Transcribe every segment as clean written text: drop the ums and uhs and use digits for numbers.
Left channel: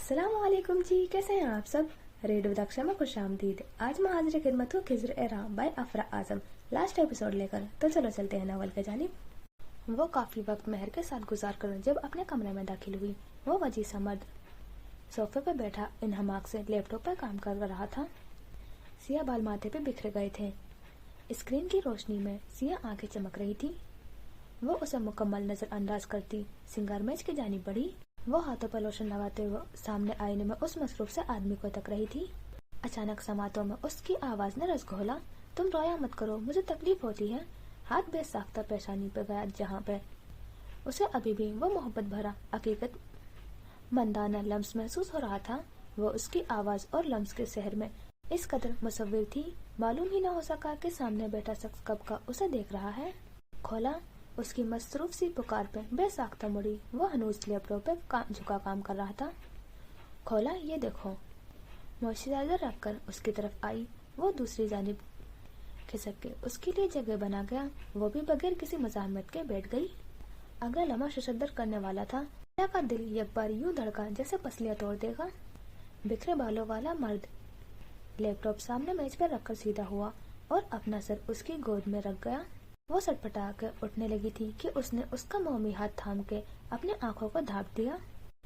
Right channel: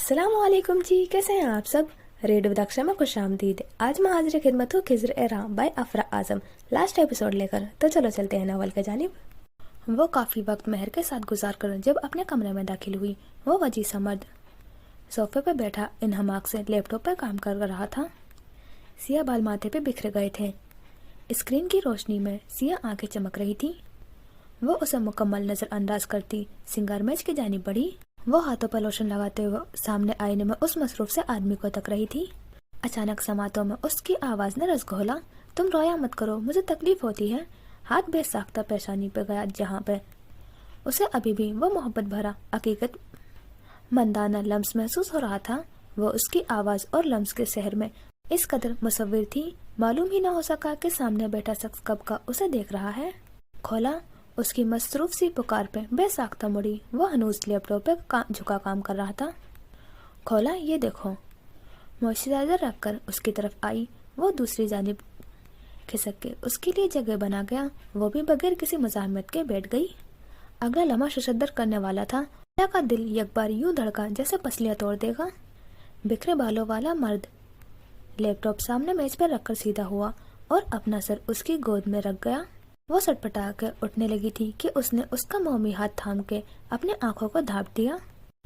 अस्सलाम वालेकुम जी, कैसे हैं आप सब। रेडियो दक्षा में खुश आमदीद। आज मैं हाजिर खिदमत हूँ खिज़्र ए राम बाय अफरा आजम लास्ट एपिसोड लेकर। तो चलो चलते हैं नवल के जानिब। वो काफ़ी वक्त मेहर के साथ गुजार कर जब अपने कमरे में दाखिल हुई, वो वजी सा मर्द सोफे पर बैठा इन हमाक से लैपटॉप पर काम कर रहा था। सिया बाल माथे पे बिखरे गए थे। स्क्रीन की रोशनी में सिया आंखें चमक रही थी। वो उसे मुकम्मल नज़रअंदाज करती सिंगार मेज की जानिब बढ़ी। वो हाथों पर लोशन लगाते हुए सामने आईने में उस मसरूफ से आदमी को तक रही थी। अचानक समातों में उसकी आवाज़ ने रस घोला, तुम रोया मत करो, मुझे तकलीफ होती है। हाथ बेसाख्ता पेशानी पे गया जहाँ पे उसे अभी भी वो मोहब्बत भरा हकीकत मंदाना लम्स महसूस हो रहा था। वो उसकी आवाज़ और लम्स के शहर में इस कदर मुसव्विर थी, मालूम ही ना हो सका कि सामने बैठा शख्स कब का उसे देख रहा है। खोला, उसकी मसरूफ सी पुकार पे बेसाख्ता मुड़ी। वो हनूज लैपटॉप पे झुका काम कर रहा था। खोला, ये देखो। मॉइस्चराइजर रखकर उसकी तरफ आई। वो दूसरी जानिब खिसक के उसके लिए जगह बना गया। वो भी बगैर किसी मज़ाहमत के बैठ गई। अगला लम्हा शशद्दर करने वाला था। खोला का दिल एक बार यूं धड़का जैसे पसलियाँ तोड़ देगा। बिखरे बालों वाला मर्द लैपटॉप सामने मेज पर रखकर सीधा हुआ और अपना सर उसकी गोद में रख गया। वो सटपटा के उठने लगी थी कि उसने उसका मोमी हाथ थाम के अपने आंखों को धाप दिया।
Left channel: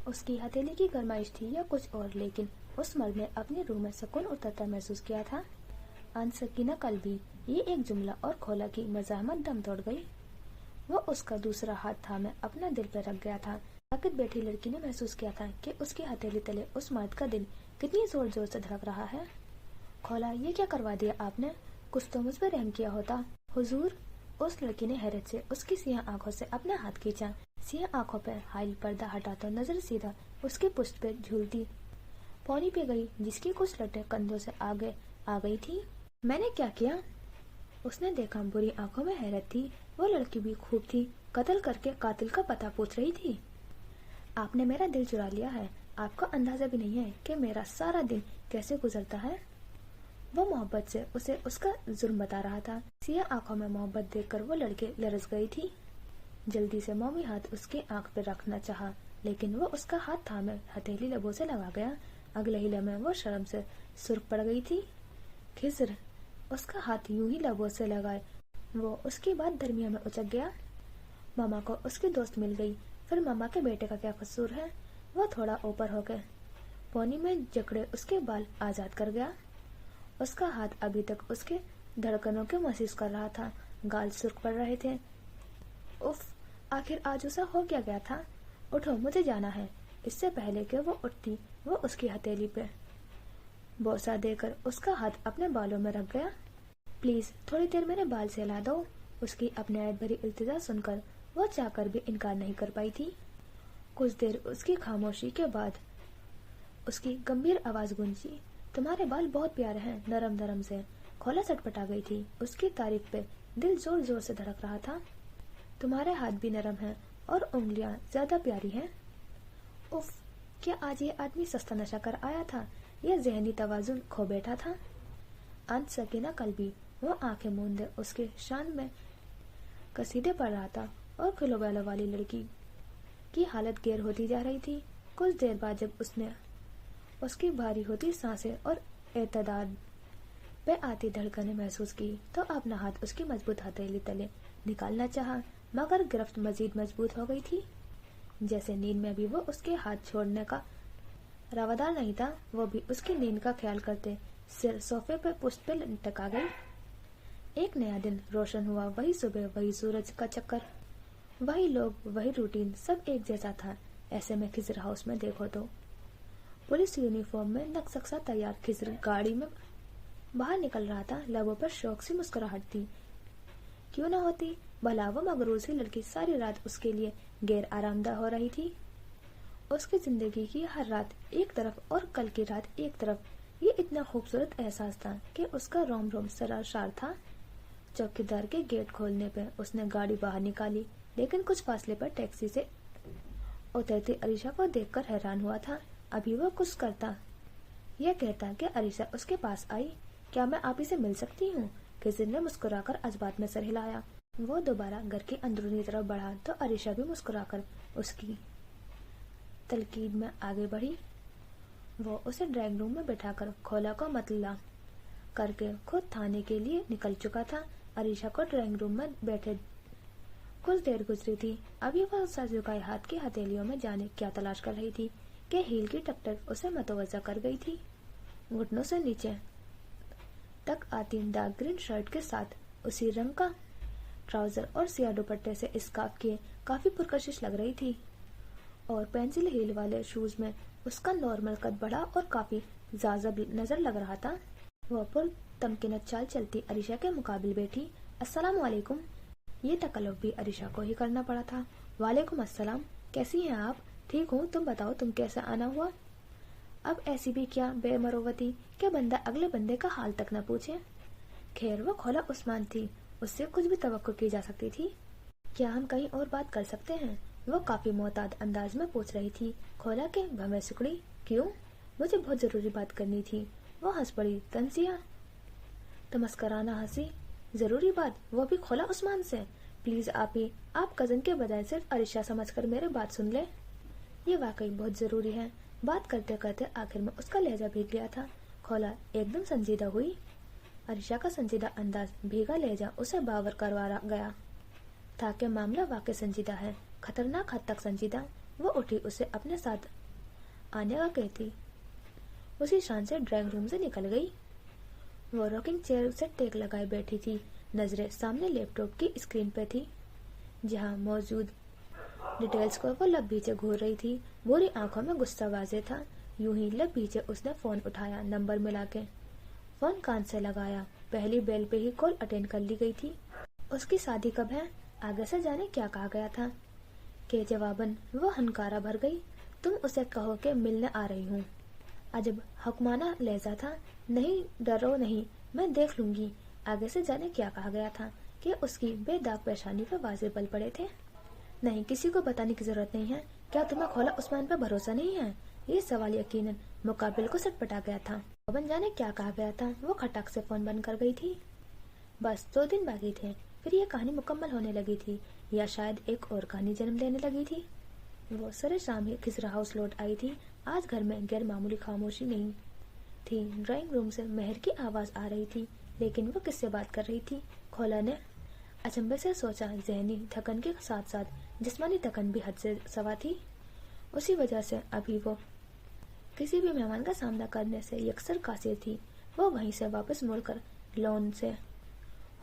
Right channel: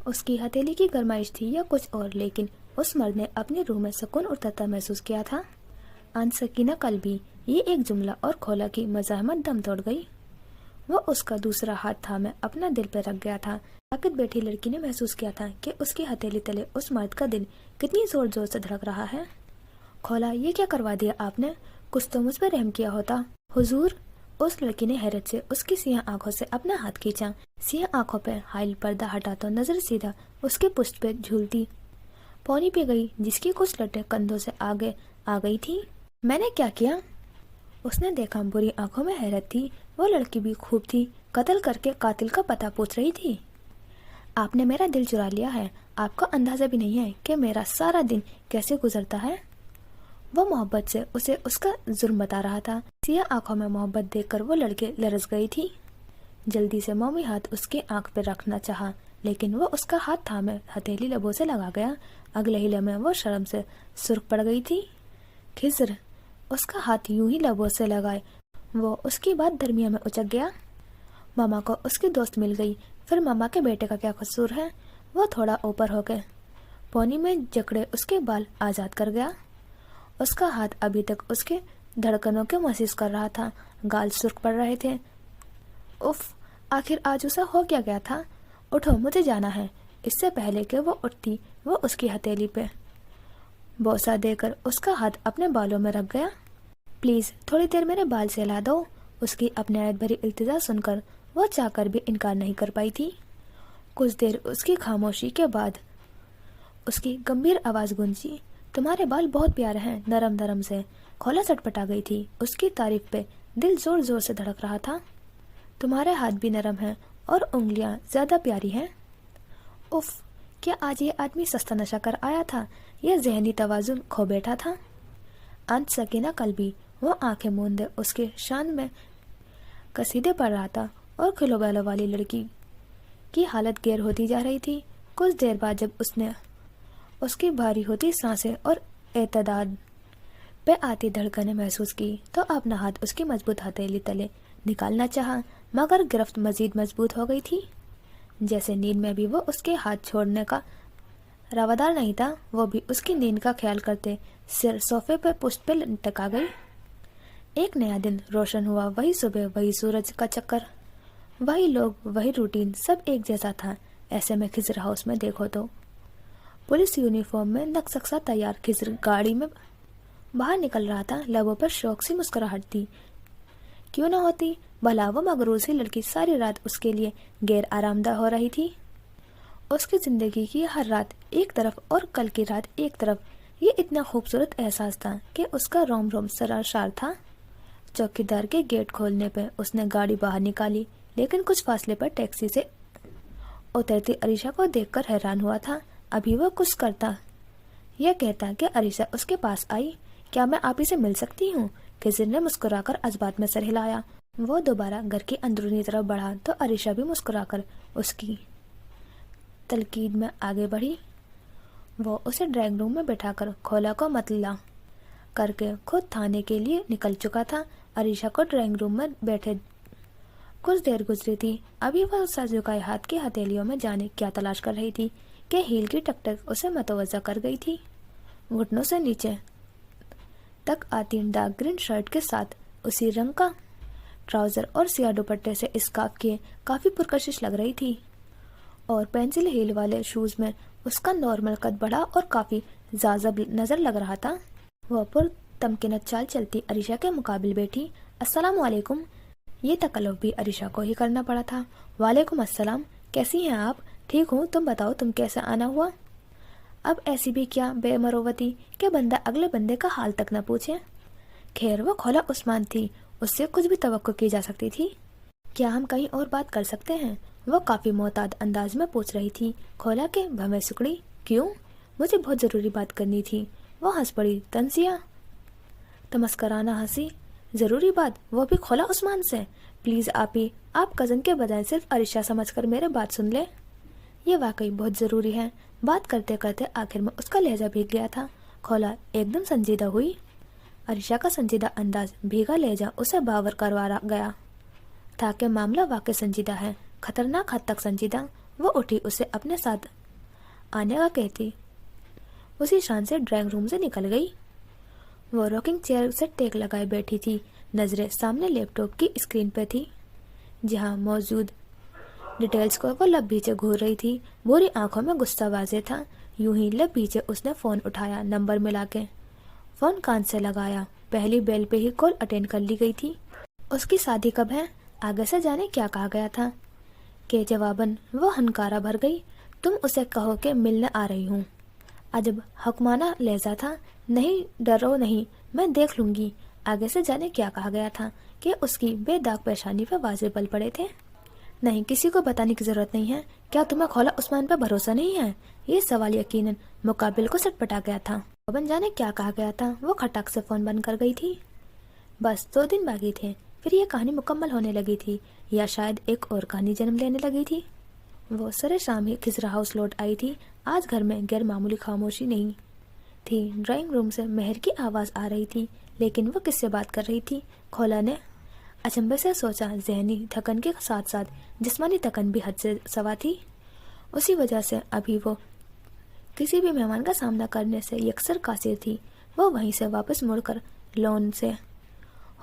उसकी हथेली की गरमाइश थी या कुछ और, लेकिन उस मर्द ने अपनी रूह में सुकून उतरता महसूस किया था। आन सकीना कल भी, ये एक जुमला और खोला की मज़ाहमत दम तोड़ गई। वो उसका दूसरा हाथ थामे अपना दिल पर रख गया था। साकित बैठी लड़की ने महसूस किया था कि उसकी हथेली तले उस मर्द का दिल कितनी जोर जोर से धड़क रहा है। खोला, ये क्या करवा दिया आपने, कुछ तो मुझ पर रहम किया होता। हुजूर, उस लड़की ने हैरत से उसकी सियाह आंखों से अपना हाथ खींचा। सियाह आंखों पर हाइल पर्दा हटा तो नजर सीधा उसके पुष्ट पे झूलती पौनी पे गई, जिसकी कुछ लटें कंधों से आगे आ गई थी। मैंने क्या किया? उसने देखा, बुरी आंखों में हैरत थी। वो लड़की भी खूब थी, कत्ल करके कातिल का पता पूछ रही थी। आपने मेरा दिल चुरा लिया है। आपका अंदाजा भी नहीं है कि मेरा सारा दिन कैसे गुजरता है। वो मोहब्बत से उसे उसका जुर्म बता रहा था। सिया आंखों में मोहब्बत देखकर वो लड़के लरस गई थी। जल्दी से मोमी हाथ उसके आंख पर रखना चाहा, लेकिन वो उसका हाथ थामे हथेली लबों से लगा गया। अगले ही लम्हे वो शर्म से सुर्ख पड़ गई थी। खिज़्र, उसका हाथ यूं ही लबों से लगाए वो उसकी बात दरमिया में उचक गया। मामा को उसकी दोस्त मिल गई, फिर मामा के बेटे का क्या कसूर है। वो थोड़ा ऊपर हो गए, पौनी में जकड़े उसके बाल आजाद कर गया। उसका हाथ अभी तक उसके धड़कनों के महसूस कर रहा था। गाल सुर्ख पड़ रहे थे। उफ, आखिर आज उसे हो क्या गया था। उठो, मुझे जाना है। इससे पहले कि वो उठती, वो उसकी हथेली पे बोसा देकर उसका हाथ अपने बालों में रख गया। प्लीज थोड़ी देर मेरे बाल सहला दो। उसकी अपनायत भरी इल्तिजा सुनकर वो चाहकर भी इनकार नहीं कर पाई थी। कुछ देर उसकी खामोशी के बाद उसकी गंभीर आवाज गूंजी, तुम्हारे बाल बहुत प्यारे हैं, नरम नरम से। खोला सटपटा गई थी। उसकी तारीफ पे दिल जोर जोर से धड़क रहा था। तुम्हारे हाथ भी नरम हैं और उंगलियां ज्यादा प्यारी हैं। उफ, क्या आज ये आदमी सस्ता नशा कर आया था या जहनी तवाजुन खो बैठा था। अंत सकीना कल भी वो आंखें मूंदे उसके शान में कसीदे पड़ रहा था और खिलो बैलों वाली लड़की की हालत गैर होती जा रही थी। कुछ देर बाद जब उसने उसकी भारी होती सांसें और एतदाद पे आती धड़कनें महसूस की तो अपना हाथ उसकी मजबूत हथेली तले निकालना चाहा, मगर गिरफ्त मजीद मजबूत हो गई थी। जैसे नींद में भी वो उसके हाथ छोड़ने का रवादार नहीं था। वो भी उसकी नींद का ख्याल करते सिर सोफे पे पुष्ट पे लटका गई। एक नया दिन रोशन हुआ। वही सुबह, वही सूरज का चक्कर, वही लोग, वही रूटीन, सब एक जैसा था। ऐसे में खिज़्र हाउस में देखो तो पुलिस यूनिफॉर्म में नक्शा तैयार खिज़्र गाड़ी में बाहर निकल रहा था। लबों पर शौक सी मुस्कुराहट थी। क्यों न होती, भला वो मगरूर सी लड़की सारी रात उसके लिए गैर आरामदा हो रही थी। उसकी जिंदगी की हर रात एक तरफ और कल की रात एक तरफ। ये इतना खूबसूरत एहसास था कि उसका रोम रोम सराशार था। चौकीदार के गेट खोलने पर उसने गाड़ी बाहर निकाली, लेकिन कुछ फासले पर टैक्सी से उतरती अरीशा को देखकर हैरान हुआ था। अभी वो कुछ करता, यह कहता कि अरीशा उसके पास आई। क्या मैं आप ही से मिल सकती हूँ? खिज़्र ने मुस्कुराकर अजबात में सर हिलाया। वो दोबारा घर की अंदरूनी तरफ बढ़ा तो अरीशा भी मुस्कुराकर उसकी तलकीद में आगे बढ़ी। वो उसे ड्राइंग रूम में बैठा कर खोला को मतला करके खुद थाने के लिए निकल चुका था। अरीशा को ड्राइंग रूम में बैठे कुछ देर गुजरी थी। अभी वह सर झुकाए हाथ की हथेलियों में जाने क्या तलाश कर रही थी कि हील की टकटक उसे मतवजा कर गई थी। घुटनों से नीचे तक आती डार्क ग्रीन शर्ट के साथ उसी रंग का ट्राउजर और सिया दुपट्टे से स्कार्फ किए काफी पुरकशिश लग रही थी, और पेंसिल हील वाले शूज में उसका नॉर्मल कद बढ़ा और काफी जाज़ब नजर लग रहा था। वह पुर तमकिनत चाल चलती अरीशा के मुकाबिल बैठी। अस्सलाम वालेकुम। ये तकल्लुफ भी अरीशा को ही करना पड़ा था। वालेकुम अस्सलाम, कैसी हैं आप? ठीक हूँ, तुम बताओ तुम कैसे आना हुआ? अब ऐसी भी क्या बेमरोवती कि बंदा अगले बंदे का हाल तक न पूछे। खैर वो खोला उस्मान थी, उससे कुछ भी तवक्को की जा सकती थी। क्या हम कहीं और बात कर सकते हैं? वो काफी मोहताद अंदाज में पूछ रही थी। खोला के भवें सुकड़ी। क्यों? मुझे बहुत जरूरी बात करनी थी। वो हंस पड़ी। तंजिया तमस्कराना हंसी। जरूरी बात, वो भी खोला उस्मान से? प्लीज आप कजन के बजाय सिर्फ अरीशा समझकर मेरे बात सुन ले। ये वाकई बहुत जरूरी है। बात करते करते आखिर में उसका लहजा भीग गया था। खोला एकदम संजीदा हुई। अरीशा का संजीदा अंदाज, भीगा लहजा उसे बावर करवा गया था कि मामला वाकई संजीदा है, खतरनाक हद तक संजीदा। वो उठी, उसे अपने साथ आने का कहती उसी शान से ड्राइंग रूम से निकल गई। वो रॉकिंग चेयर से टेक लगाए बैठी थी। नजरें सामने लैपटॉप की स्क्रीन पे थी, जहां मौजूद डिटेल्स को वो लब पीछे घूर रही थी। बुरी आंखों में गुस्सा वाजे था। यूं ही लब पीछे उसने फोन उठाया, नंबर मिला के फोन कान से लगाया। पहली बेल पे ही कॉल अटेंड कर ली गई थी। उसकी शादी कब है? आगे से जाने क्या कहा गया था के जवाबन वो हनकारा भर गई। तुम उसे कहो कि मिलने आ रही हूँ। अजब हुक्माना लहजा था। नहीं, डरो नहीं, मैं देख लूंगी। आगे से जाने क्या कहा गया था कि उसकी बेदाग पेशानी पर वाजे बल पड़े थे। नहीं, किसी को बताने की जरूरत नहीं है। क्या तुम्हें खोला उस्मान पर भरोसा नहीं है? ये सवाल यकीनन मुकाबिल को सटपटा गया था। बन जाने क्या कहा गया था। वो खटाक से फोन बंद कर गई थी। बस 2 दिन बाकी थे, फिर ये कहानी मुकम्मल होने लगी थी, या शायद एक और कहानी जन्म लेने लगी थी। वो सरे शाम ही खिजरा हाउस लौट आई थी। आज घर में गैर मामूली खामोशी नहीं थी। ड्राइंग रूम से मेहर की आवाज आ रही थी, लेकिन वो किससे बात कर रही थी? खोला ने अचंभे से सोचा। जहनी थकन के साथ साथ जिस्मानी थकन भी हद से सवा थी। उसी वजह से अभी वो किसी भी मेहमान का सामना करने से यकसर कासिर थी। वो वहीं से वापस मुड़कर लॉन से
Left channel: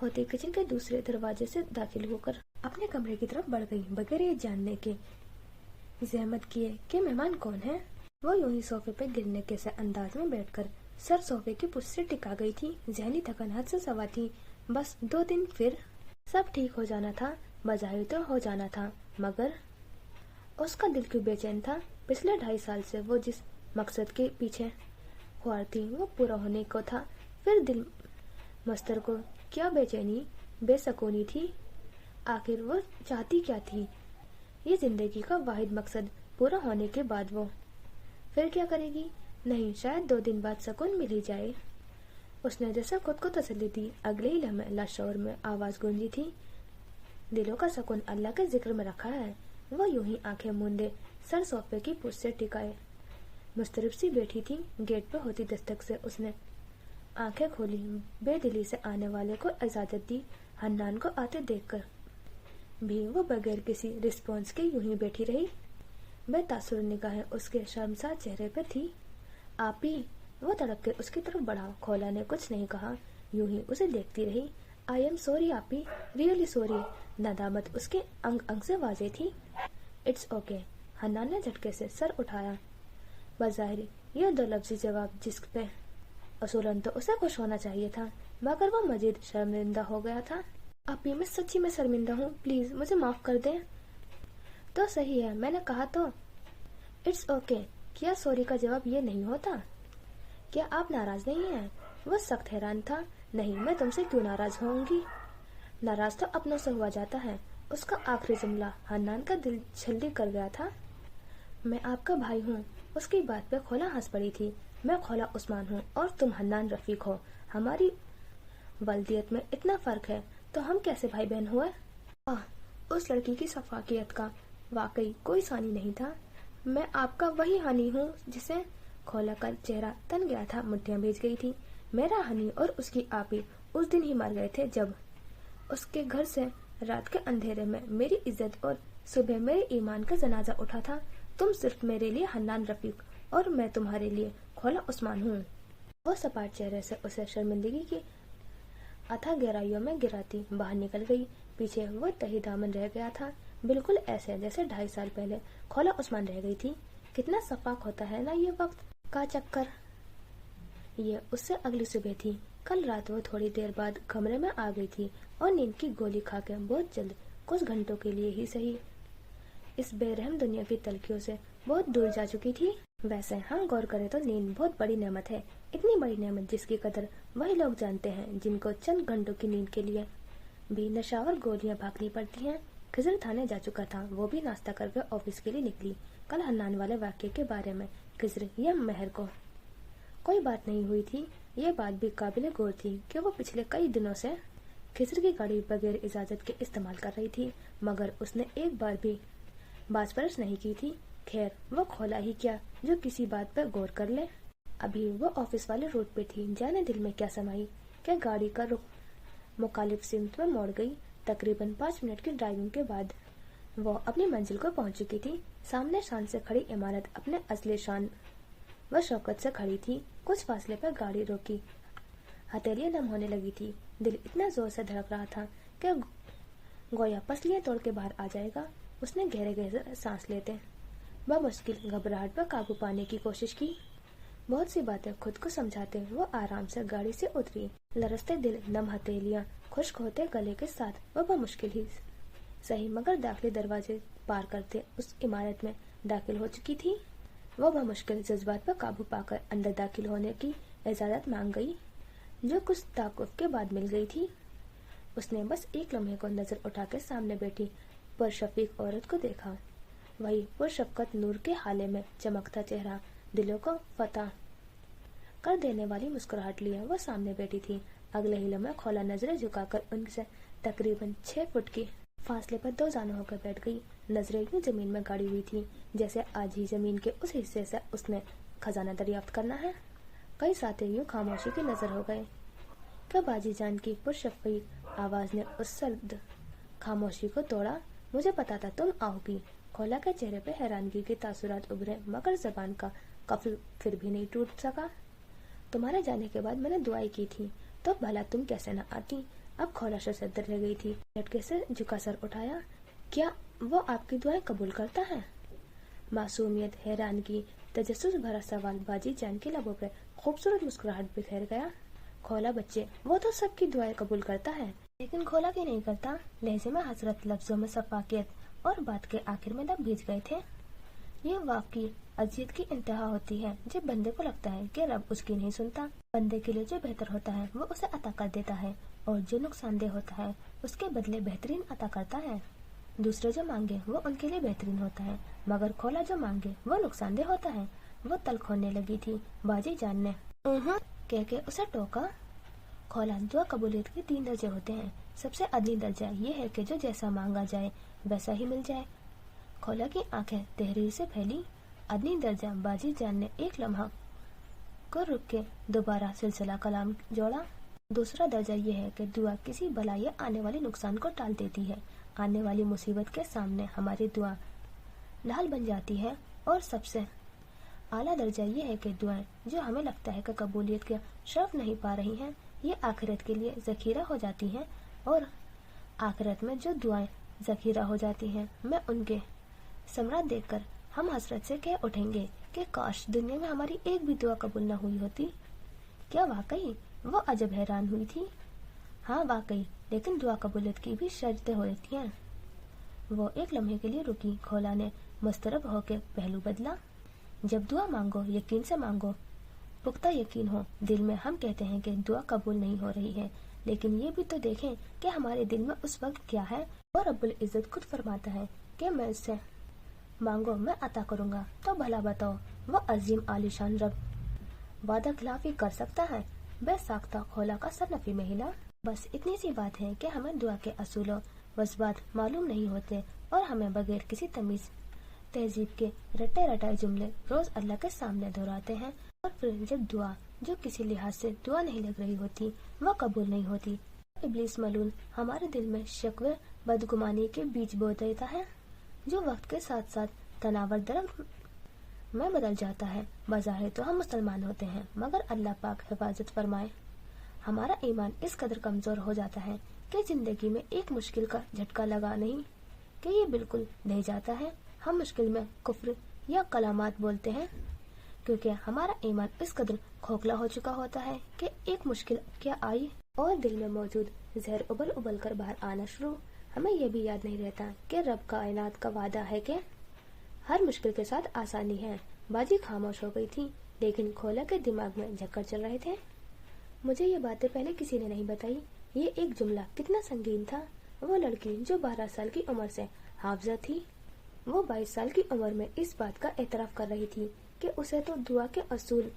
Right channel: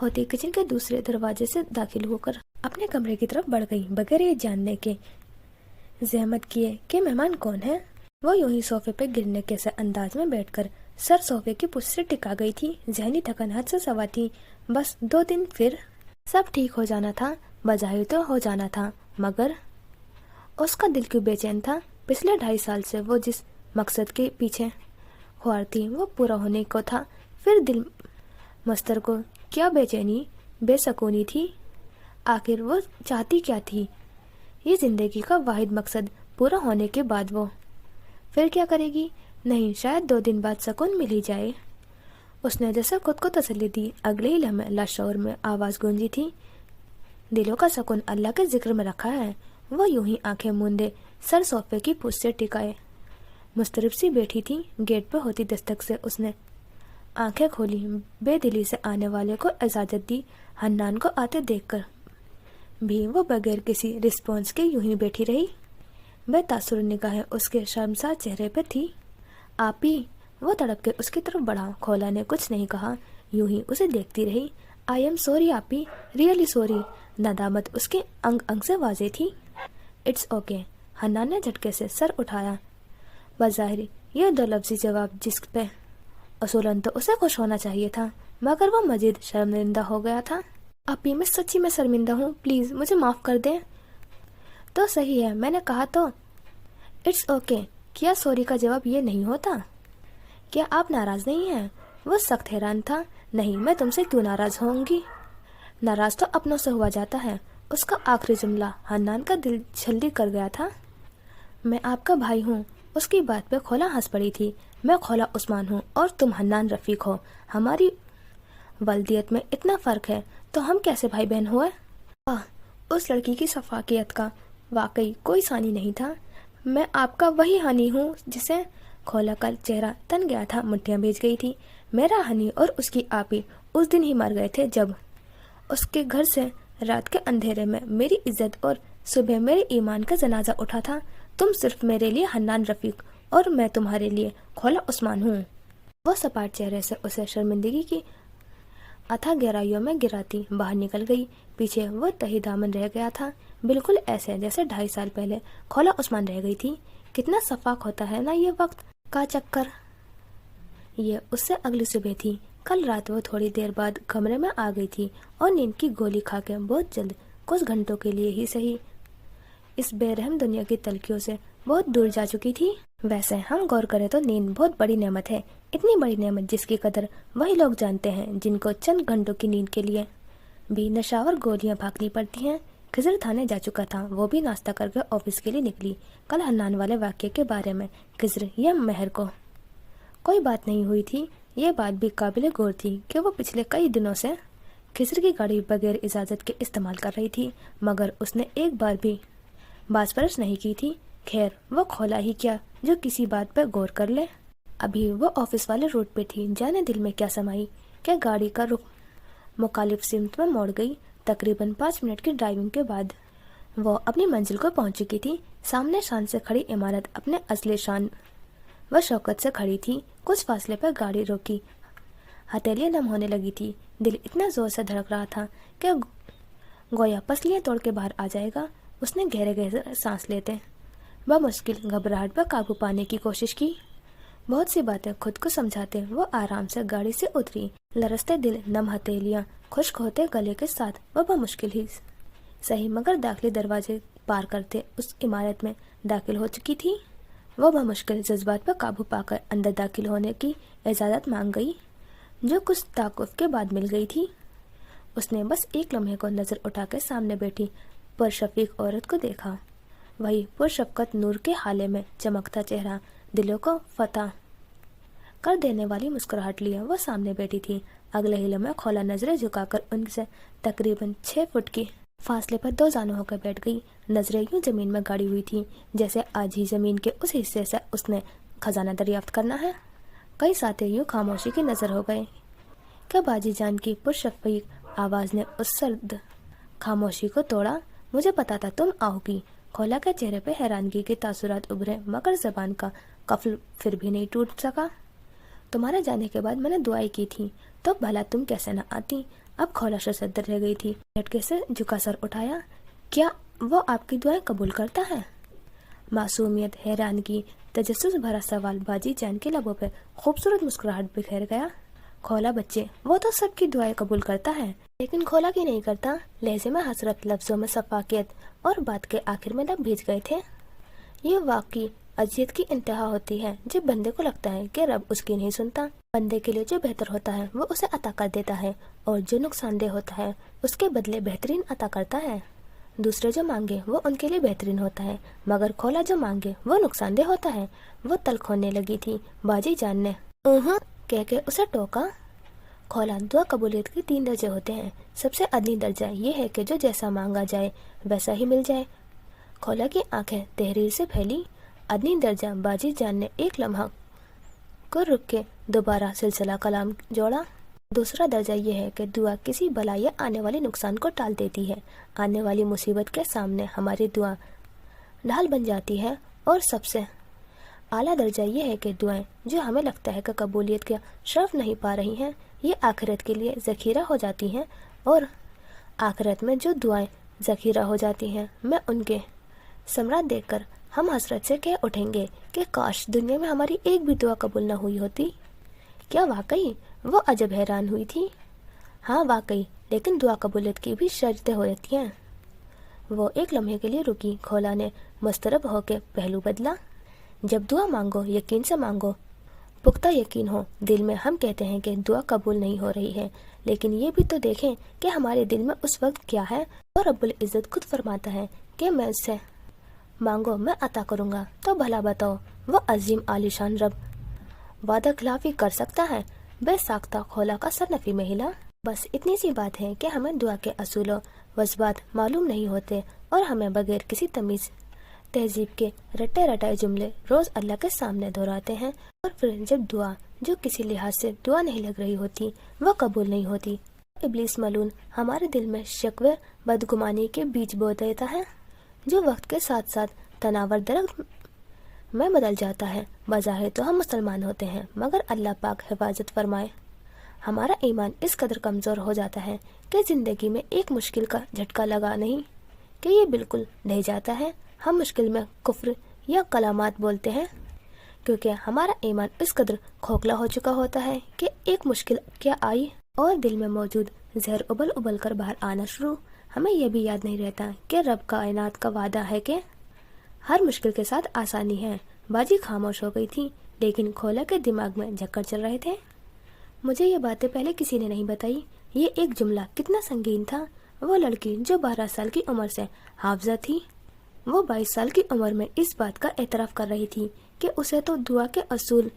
होती किचन के दूसरे दरवाजे से दाखिल होकर अपने कमरे की तरफ बढ़ गई, बगैर ये जानने के जहमत किए कि मेहमान कौन है। वो यूं ही सोफे पे गिरने के से अंदाज में बैठकर सर सोफे की पुष्ट से टिका गई थी। जहनी थकन हद से सवा थी। बस 2 दिन फिर सब ठीक हो जाना था। बजाय तो हो जाना था, मगर उसका दिल क्यों बेचैन था? पिछले 2.5 साल से वो जिस मकसद के पीछे ख्वार थी वो पूरा होने को था। फिर दिल मस्तर को क्या बेचैनी, बेसकूनी थी? आखिर वो चाहती क्या थी? ये जिंदगी का वाहिद मकसद पूरा होने के बाद वो फिर क्या करेगी? नहीं, शायद 2 दिन बाद सुकून मिल ही जाए। उसने जैसे खुद को तसल्ली दी। अगले ही लम्हे लाशौर में आवाज गूंजी थी, दिलों का सुकून अल्लाह के जिक्र में रखा है। वो यूं ही आंखें मूंदे सर सोफे की पुष्ट से टिकाए मुस्तरिब सी बैठी थी। गेट पर होती दस्तक से उसने आंखें खोली। बेदिली से आने वाले को इजाजत दी। हन्नान को आते देखकर भी वो बगैर किसी रिस्पॉन्स के यूं ही बैठी रही। बेतासुर निगाहें उसके शर्मसार चेहरे पर थी। आपी, वो तड़प के उसकी तरफ बढ़ा। खोला ने कुछ नहीं कहा, यूं ही उसे देखती रही। आई एम सॉरी आपी, रियली सॉरी। नदामत उसके अंग अंग से वाजे थी। It's okay. हन्नान ने झटके से सर उठाया। बज़ाहिर ये 2 लफ्जी जवाब जिस पे असूलन तो उसे खुश होना चाहिए था, मगर वो मजीद शर्मिंदा हो गया था। आपी, मैं सच्ची में शर्मिंदा हूँ, प्लीज मुझे माफ कर दें। तो सही है, मैंने कहा तो। It's okay. क्या सॉरी का जवाब ये नहीं होता? क्या आप नाराज नहीं हैं? वो सख्त हैरान था। नहीं, मैं तुमसे क्यों नाराज होंगी? नाराज तो अपनों से हुआ जाता है। उसका आखिरी जुमला हन्नान का दिल जल्दी कर गया था। मैं आपका भाई हूँ। उसकी बात पे खोला हंस पड़ी थी। मैं खोला उस्मान हूँ और तुम हन्नान रफीक हो। हमारी वल्दियत में इतना फर्क है, तो हम कैसे भाई बहन हुए? उस लड़की की सफाकियत का वाकई कोई सानी नहीं था। मैं आपका वही हानी हूँ जिसे खोला का चेहरा तन गया था, मुट्ठियां भीज गई थी। मेरा हनी और उसकी आपी उस दिन ही मर गए थे जब उसके घर से रात के अंधेरे में मेरी इज्जत और सुबह मेरे ईमान का जनाजा उठा था। तुम सिर्फ मेरे लिए हन्नान रफीक और मैं तुम्हारे लिए खोला उस्मान हूँ। वो सपाट चेहरे से उसे शर्मिंदगी की अथाह गहराइयों में गिराती बाहर निकल गई। पीछे वो तही दामन रह गया था, बिल्कुल ऐसे जैसे 2.5 साल पहले खोला उस्मान रह गई थी। कितना सफाक होता है ना ये वक्त का चक्कर। ये उससे अगली सुबह थी। कल रात वो थोड़ी देर बाद कमरे में आ गई थी और नींद की गोली खा के बहुत जल्द, कुछ घंटों के लिए ही सही, इस बेरहम दुनिया की तलखियों से बहुत दूर जा चुकी थी। वैसे हम गौर करें तो नींद बहुत बड़ी नेमत है, इतनी बड़ी नेमत जिसकी कदर वही लोग जानते हैं जिनको चंद घंटों की नींद के लिए भी नशावर गोलियां भागनी पड़ती हैं। खिजर थाने जा चुका था, वो भी नाश्ता करके ऑफिस के लिए निकली। कल हन्नान वाले वाक्य के बारे में खिजर या महर को कोई बात नहीं हुई थी। ये बात भी काबिल गौर थी कि वो पिछले कई दिनों से खिजर की गाड़ी बगैर इजाजत के इस्तेमाल कर रही थी, मगर उसने एक बार भी बासपरस नहीं की थी। खैर, वो खोला ही क्या जो किसी बात पर गौर कर ले। अभी वो ऑफिस वाले रोड पे थी, जाने दिल में क्या समाई क्या गाड़ी का रुख मुखालिफ सिमत में मोड़ गई। तकरीबन 5 मिनट की ड्राइविंग के बाद वो अपनी मंजिल को पहुंच चुकी थी। सामने शान से खड़ी इमारत अपने असली शान व शौकत से खड़ी थी। कुछ फासले पर गाड़ी रोकी, हथेलियां नम होने लगी थी। दिल इतना जोर से धड़क रहा था कि गोया पसलियां तोड़ के बाहर आ जाएगा। उसने गहरे गहरे सांस लेते बमुश्किल घबराहट पर काबू पाने की कोशिश की। बहुत सी बातें खुद को समझाते वो आराम से गाड़ी से उतरी। लरसते दिल, नम हथेलियां, खुश्क होते गले के साथ वो बमुश्किल ही सही मगर दाखिली दरवाजे पार करते उस इमारत में दाखिल हो चुकी थी। वो बमुश्किल जज्बात पर काबू पाकर अंदर दाखिल होने की इजाज़त मांग गई, जो कुछ ताकुफ के बाद मिल गई थी। उसने बस एक लम्हे को नजर उठा के सामने बैठी पुरशफीक औरत को देखा। वही पुरशफकत नूर के हाले में चमकता चेहरा, दिलों को फतह कर देने वाली मुस्कुराहट लिए वो सामने बैठी थी। अगले ही लम्हे खोला नजरें झुकाकर उनसे तकरीबन 6 फुट की फासले पर 2 जानू होकर बैठ गई। नजरें यूं जमीन में गाड़ी हुई थी जैसे आज ही जमीन के उस हिस्से से उसने खजाना दरियाफ्त करना है। कई साथी यूं खामोशी की नजर हो गए क्या बाजी जान की पुरशफीक आवाज ने उस सर्द खामोशी को तोड़ा। मुझे पता था तुम आओगी। खोला के चेहरे पे हैरानगी के तासुरात उभरे मगर जबान का कफल फिर भी नहीं टूट सका। तुम्हारे जाने के बाद मैंने दुआएं की थी, तो भला तुम कैसे न आती। अब खोला शर्मसार रह गई थी। झटके से झुका सर उठाया। क्या वो आपकी दुआएं कबूल करता है? मासूमियत, हैरानगी, तजस्सुस भरा सवाल बाजी जान के लबों पे खूबसूरत मुस्कुराहट बिखेर गया। खोला बच्चे, वो तो सबकी दुआएं कबूल करता है, लेकिन खोला की नहीं करता। लहजे में हसरत, लफ्जों में सफाकियत और बात के आखिर में लब भीज गए थे। ये वाकई अजियत की इंतहा होती है जब बंदे को लगता है कि रब उसकी नहीं सुनता। बंदे के लिए जो बेहतर होता है वो उसे अता कर देता है, और जो नुकसानदेह होता है उसके बदले बेहतरीन अता करता है। दूसरे जो मांगे वो उनके लिए बेहतरीन होता है, मगर खोला जो मांगे वो नुकसानदेह होता है। वो तल्ख होने लगी थी। बाजी जान ने कह के उसे टोका। खोला, दुआ कबूलियत के 3 दर्जे होते हैं। सबसे अदनी दर्जा ये है कि जो जैसा मांगा जाए वैसा ही मिल जाए। खोला की आंखें तहरीर से फैली। अदनी दर्जा, बाजी जान ने एक लम्हा को रुक के दोबारा सिलसिला कलाम जोड़ा। दूसरा दर्जा ये है कि दुआ किसी बला या आने वाले नुकसान को टाल देती है। आने वाली मुसीबत के सामने हमारी दुआ ढाल बन जाती है। और सबसे आला दर्जा ये है कि दुआएं जो हमें लगता है कि कबूलियत का शर्फ नहीं पा रही हैं, ये आखिरत के लिए ज़खीरा हो जाती हैं। और आखिरत में जो दुआएं ज़खीरा हो जाती हैं, मैं उनके समरात देखकर हम हसरत से कह उठेंगे कि काश दुनिया में हमारी एक भी दुआ कबूल न हुई होती। क्या वाकई? वो अजब हैरान हुई थी। हाँ वाकई, लेकिन दुआ कबूलियत की भी शर्तें होती हैं। वो एक लम्हे के लिए रुकी। खोला ने मुस्तरब होकर पहलू बदला। जब दुआ मांगो यकीन से मांगो, पुख्ता यकीन हो। दिल में हम कहते हैं कि दुआ कबूल नहीं हो रही है, लेकिन ये भी तो देखें कि हमारे दिल में उस वक्त क्या है। और रब्बुल इज़्ज़त खुद फरमाता है कि मैं उससे मांगो मैं अता करूँगा। तो भला बताओ, वो अजीम आलिशान रब वादा खिलाफी कर सकता है? बेसाख्ता खोला का सर नफी में हिला। बस इतनी सी बात है कि हमें दुआ के असूलों वज़बात मालूम नहीं होते, और हमें बगैर किसी तहजीब के रटे रटाए जुमले रोज अल्लाह के सामने दोहराते हैं, और फिर जब दुआ जो किसी लिहाज से दुआ नहीं लग रही होती वह कबूल नहीं होती। इब्लीस मलून हमारे दिल में शक व बदगुमानी के बीज बो देता है, जो वक्त के साथ साथ तनावर दरख्त में बदल जाता है। बज़ाहिर तो हम मुसलमान होते हैं, मगर अल्लाह पाक हिफाजत फरमाए, हमारा ईमान इस कदर कमज़ोर हो जाता है कि ज़िंदगी में एक मुश्किल का झटका लगा नहीं कि ये बिल्कुल ढह जाता है। हम मुश्किल में कुफ्र या कलामात बोलते हैं, क्योंकि हमारा ईमान इस कदर खोखला हो चुका होता है कि एक मुश्किल क्या आई और दिल में मौजूद जहर उबल उबल कर बाहर आना शुरू। हमें यह भी याद नहीं रहता कि रब कायनात का वादा है कि हर मुश्किल के साथ आसानी है। बाजी खामोश हो गई थी, लेकिन खोला के दिमाग में झक्कर चल रहे थे। मुझे ये बातें पहले किसी ने नहीं बताई। ये एक जुमला कितना संगीन था। वो लड़की जो 12 साल की उम्र से हाफजा थी, वो 22 साल की उम्र में इस बात का एतराफ़ कर रही थी कि उसे तो दुआ के असूल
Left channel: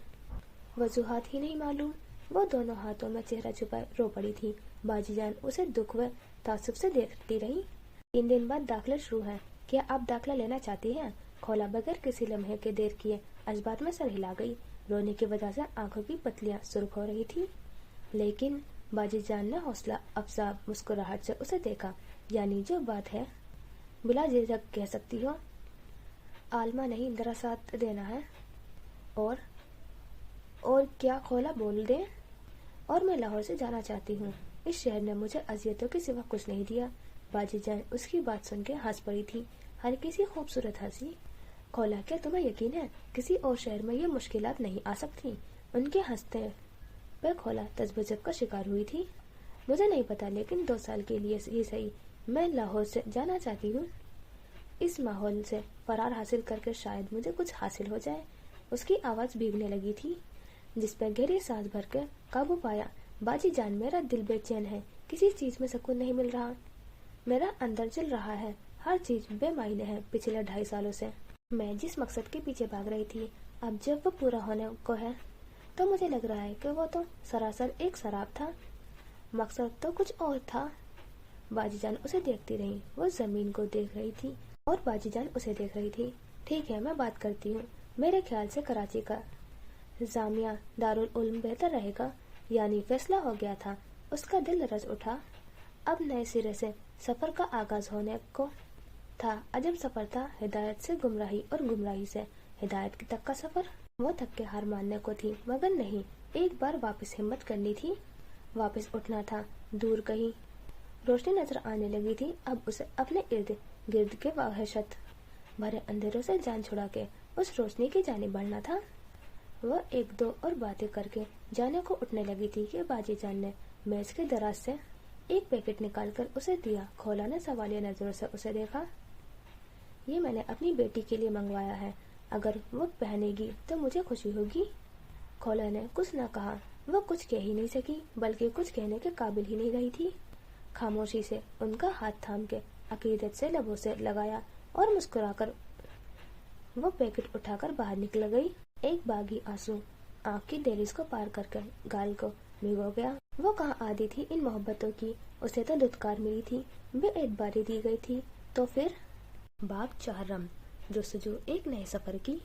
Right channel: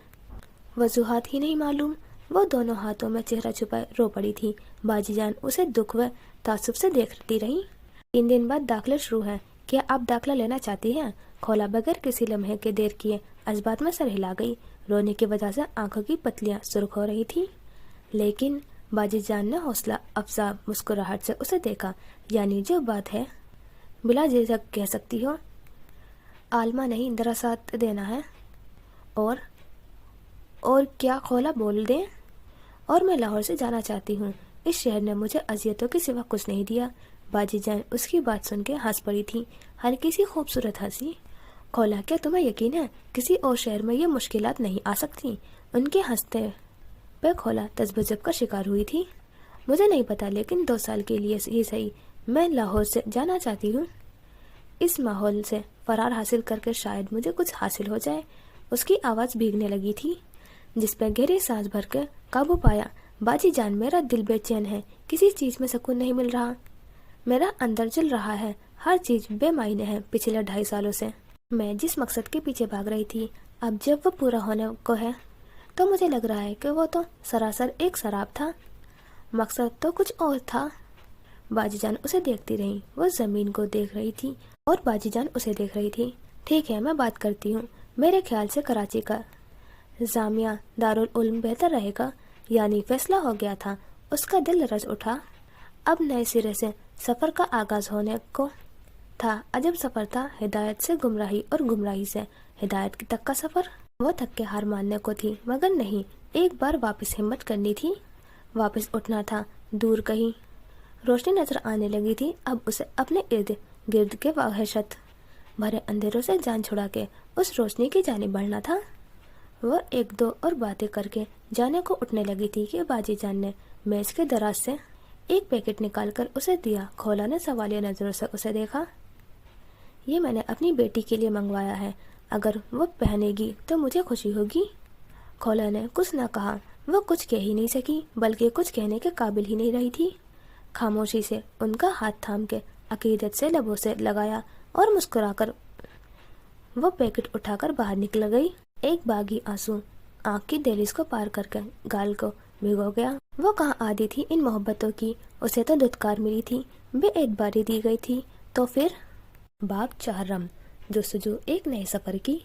वजूहात ही नहीं मालूम। वो दोनों हाथों में चेहरा छुपाए रो पड़ी थी। बाजी जान उसे दुख व तासुब से देखती रही। 3 दिन बाद दाखिला शुरू है, क्या आप दाखिला लेना चाहती हैं? खोला बगैर किसी लम्हे के देर किए अजबात में सर हिला गई। रोने की वजह से आंखों की पतलियां सुर्ख हो रही थी, लेकिन बाजी जान ने हौसला अफजा मुस्कुराहट से उसे देखा। यानी जो बात है बिला झिझक कह सकती हो। आलमा नहीं, जरा साथ देना है। और क्या? खोला बोल दे। और मैं लाहौर से जाना चाहती हूँ। इस शहर ने मुझे अजियतों के सिवा कुछ नहीं दिया। बाजी जान उसकी बात सुन के हंस पड़ी थी, हल्की सी खूबसूरत हंसी। खोला, क्या तुम्हें यकीन है किसी और शहर में ये मुश्किलात नहीं आ सकती? उनके हंसते पे खोला तज़ब्ज़ुब का शिकार हुई थी। मुझे नहीं पता, लेकिन 2 साल के लिए ही सही मैं लाहौर से जाना चाहती हूँ। इस माहौल से फरार हासिल करके शायद मुझे कुछ हासिल हो जाए। उसकी आवाज़ भीगने लगी थी, जिस पर गहरी सांस भर कर काबू पाया। बाजी जान, मेरा दिल बेचैन है, किसी चीज़ में सुकून नहीं मिल रहा। मेरा अंदर जल रहा है, हर चीज़ बेमायने है। पिछले 2.5 सालों से मैं जिस मकसद के पीछे भाग रही थी, अब जब वो पूरा होने को है तो मुझे लग रहा है कि वो तो सरासर एक शराब था। मकसद तो कुछ और था। बाजी जान उसे देखती रही। वो ज़मीन को देख रही थी और बाजी जान उसे देख रही थी। ठीक है, मैं बात करती हूँ। मेरे ख्याल से कराची का जामिया दारुल उल्म बेहतर रहेगा। यानी फैसला हो गया था। उसका दिल रच उठा। अब नए सिरे से सफ़र का आगाज़ होने को था। अजब सफ़र था, हिदायत से गुमराही और गुमराही से हिदायत तक का सफ़र। वो थक के हार मानने को थी, मगर नहीं, एक बार वापस हिम्मत करनी थी, वापस उठना था। दूर कहीं रोशनी नजर आने लगी थी। अब उसे अपने इर्द गिर्द के वहशत भरे अंधेरों से जान छुड़ा के उस रोशनी की जानिब बढ़ना था। वह 1-2 और बातें करके जाने को उठने लगी थी कि बाजी जान ने मेज के दराज से एक पैकेट निकालकर उसे दिया। खोला ने सवालिया नजरों से उसे देखा। ये मैंने अपनी बेटी के लिए मंगवाया है, अगर वो पहनेगी तो मुझे खुशी होगी। खोला ने कुछ न कहा। वो कुछ कह ही नहीं सकी, बल्कि कुछ कहने के काबिल ही नहीं रही थी। खामोशी से उनका हाथ थाम के अकीदत से लबों से लगाया और मुस्कुराकर वो पैकेट उठाकर बाहर निकल गई। एक बागी आंसू आंख की दहलीज को पार करके गाल को भिगो गया। वो कहाँ आदी थी इन मोहब्बतों की। उसे तो दुत्कार मिली थी, बेएतबारी दी गई थी। तो फिर बाब 4 जुस्तजू एक नए सफ़र की।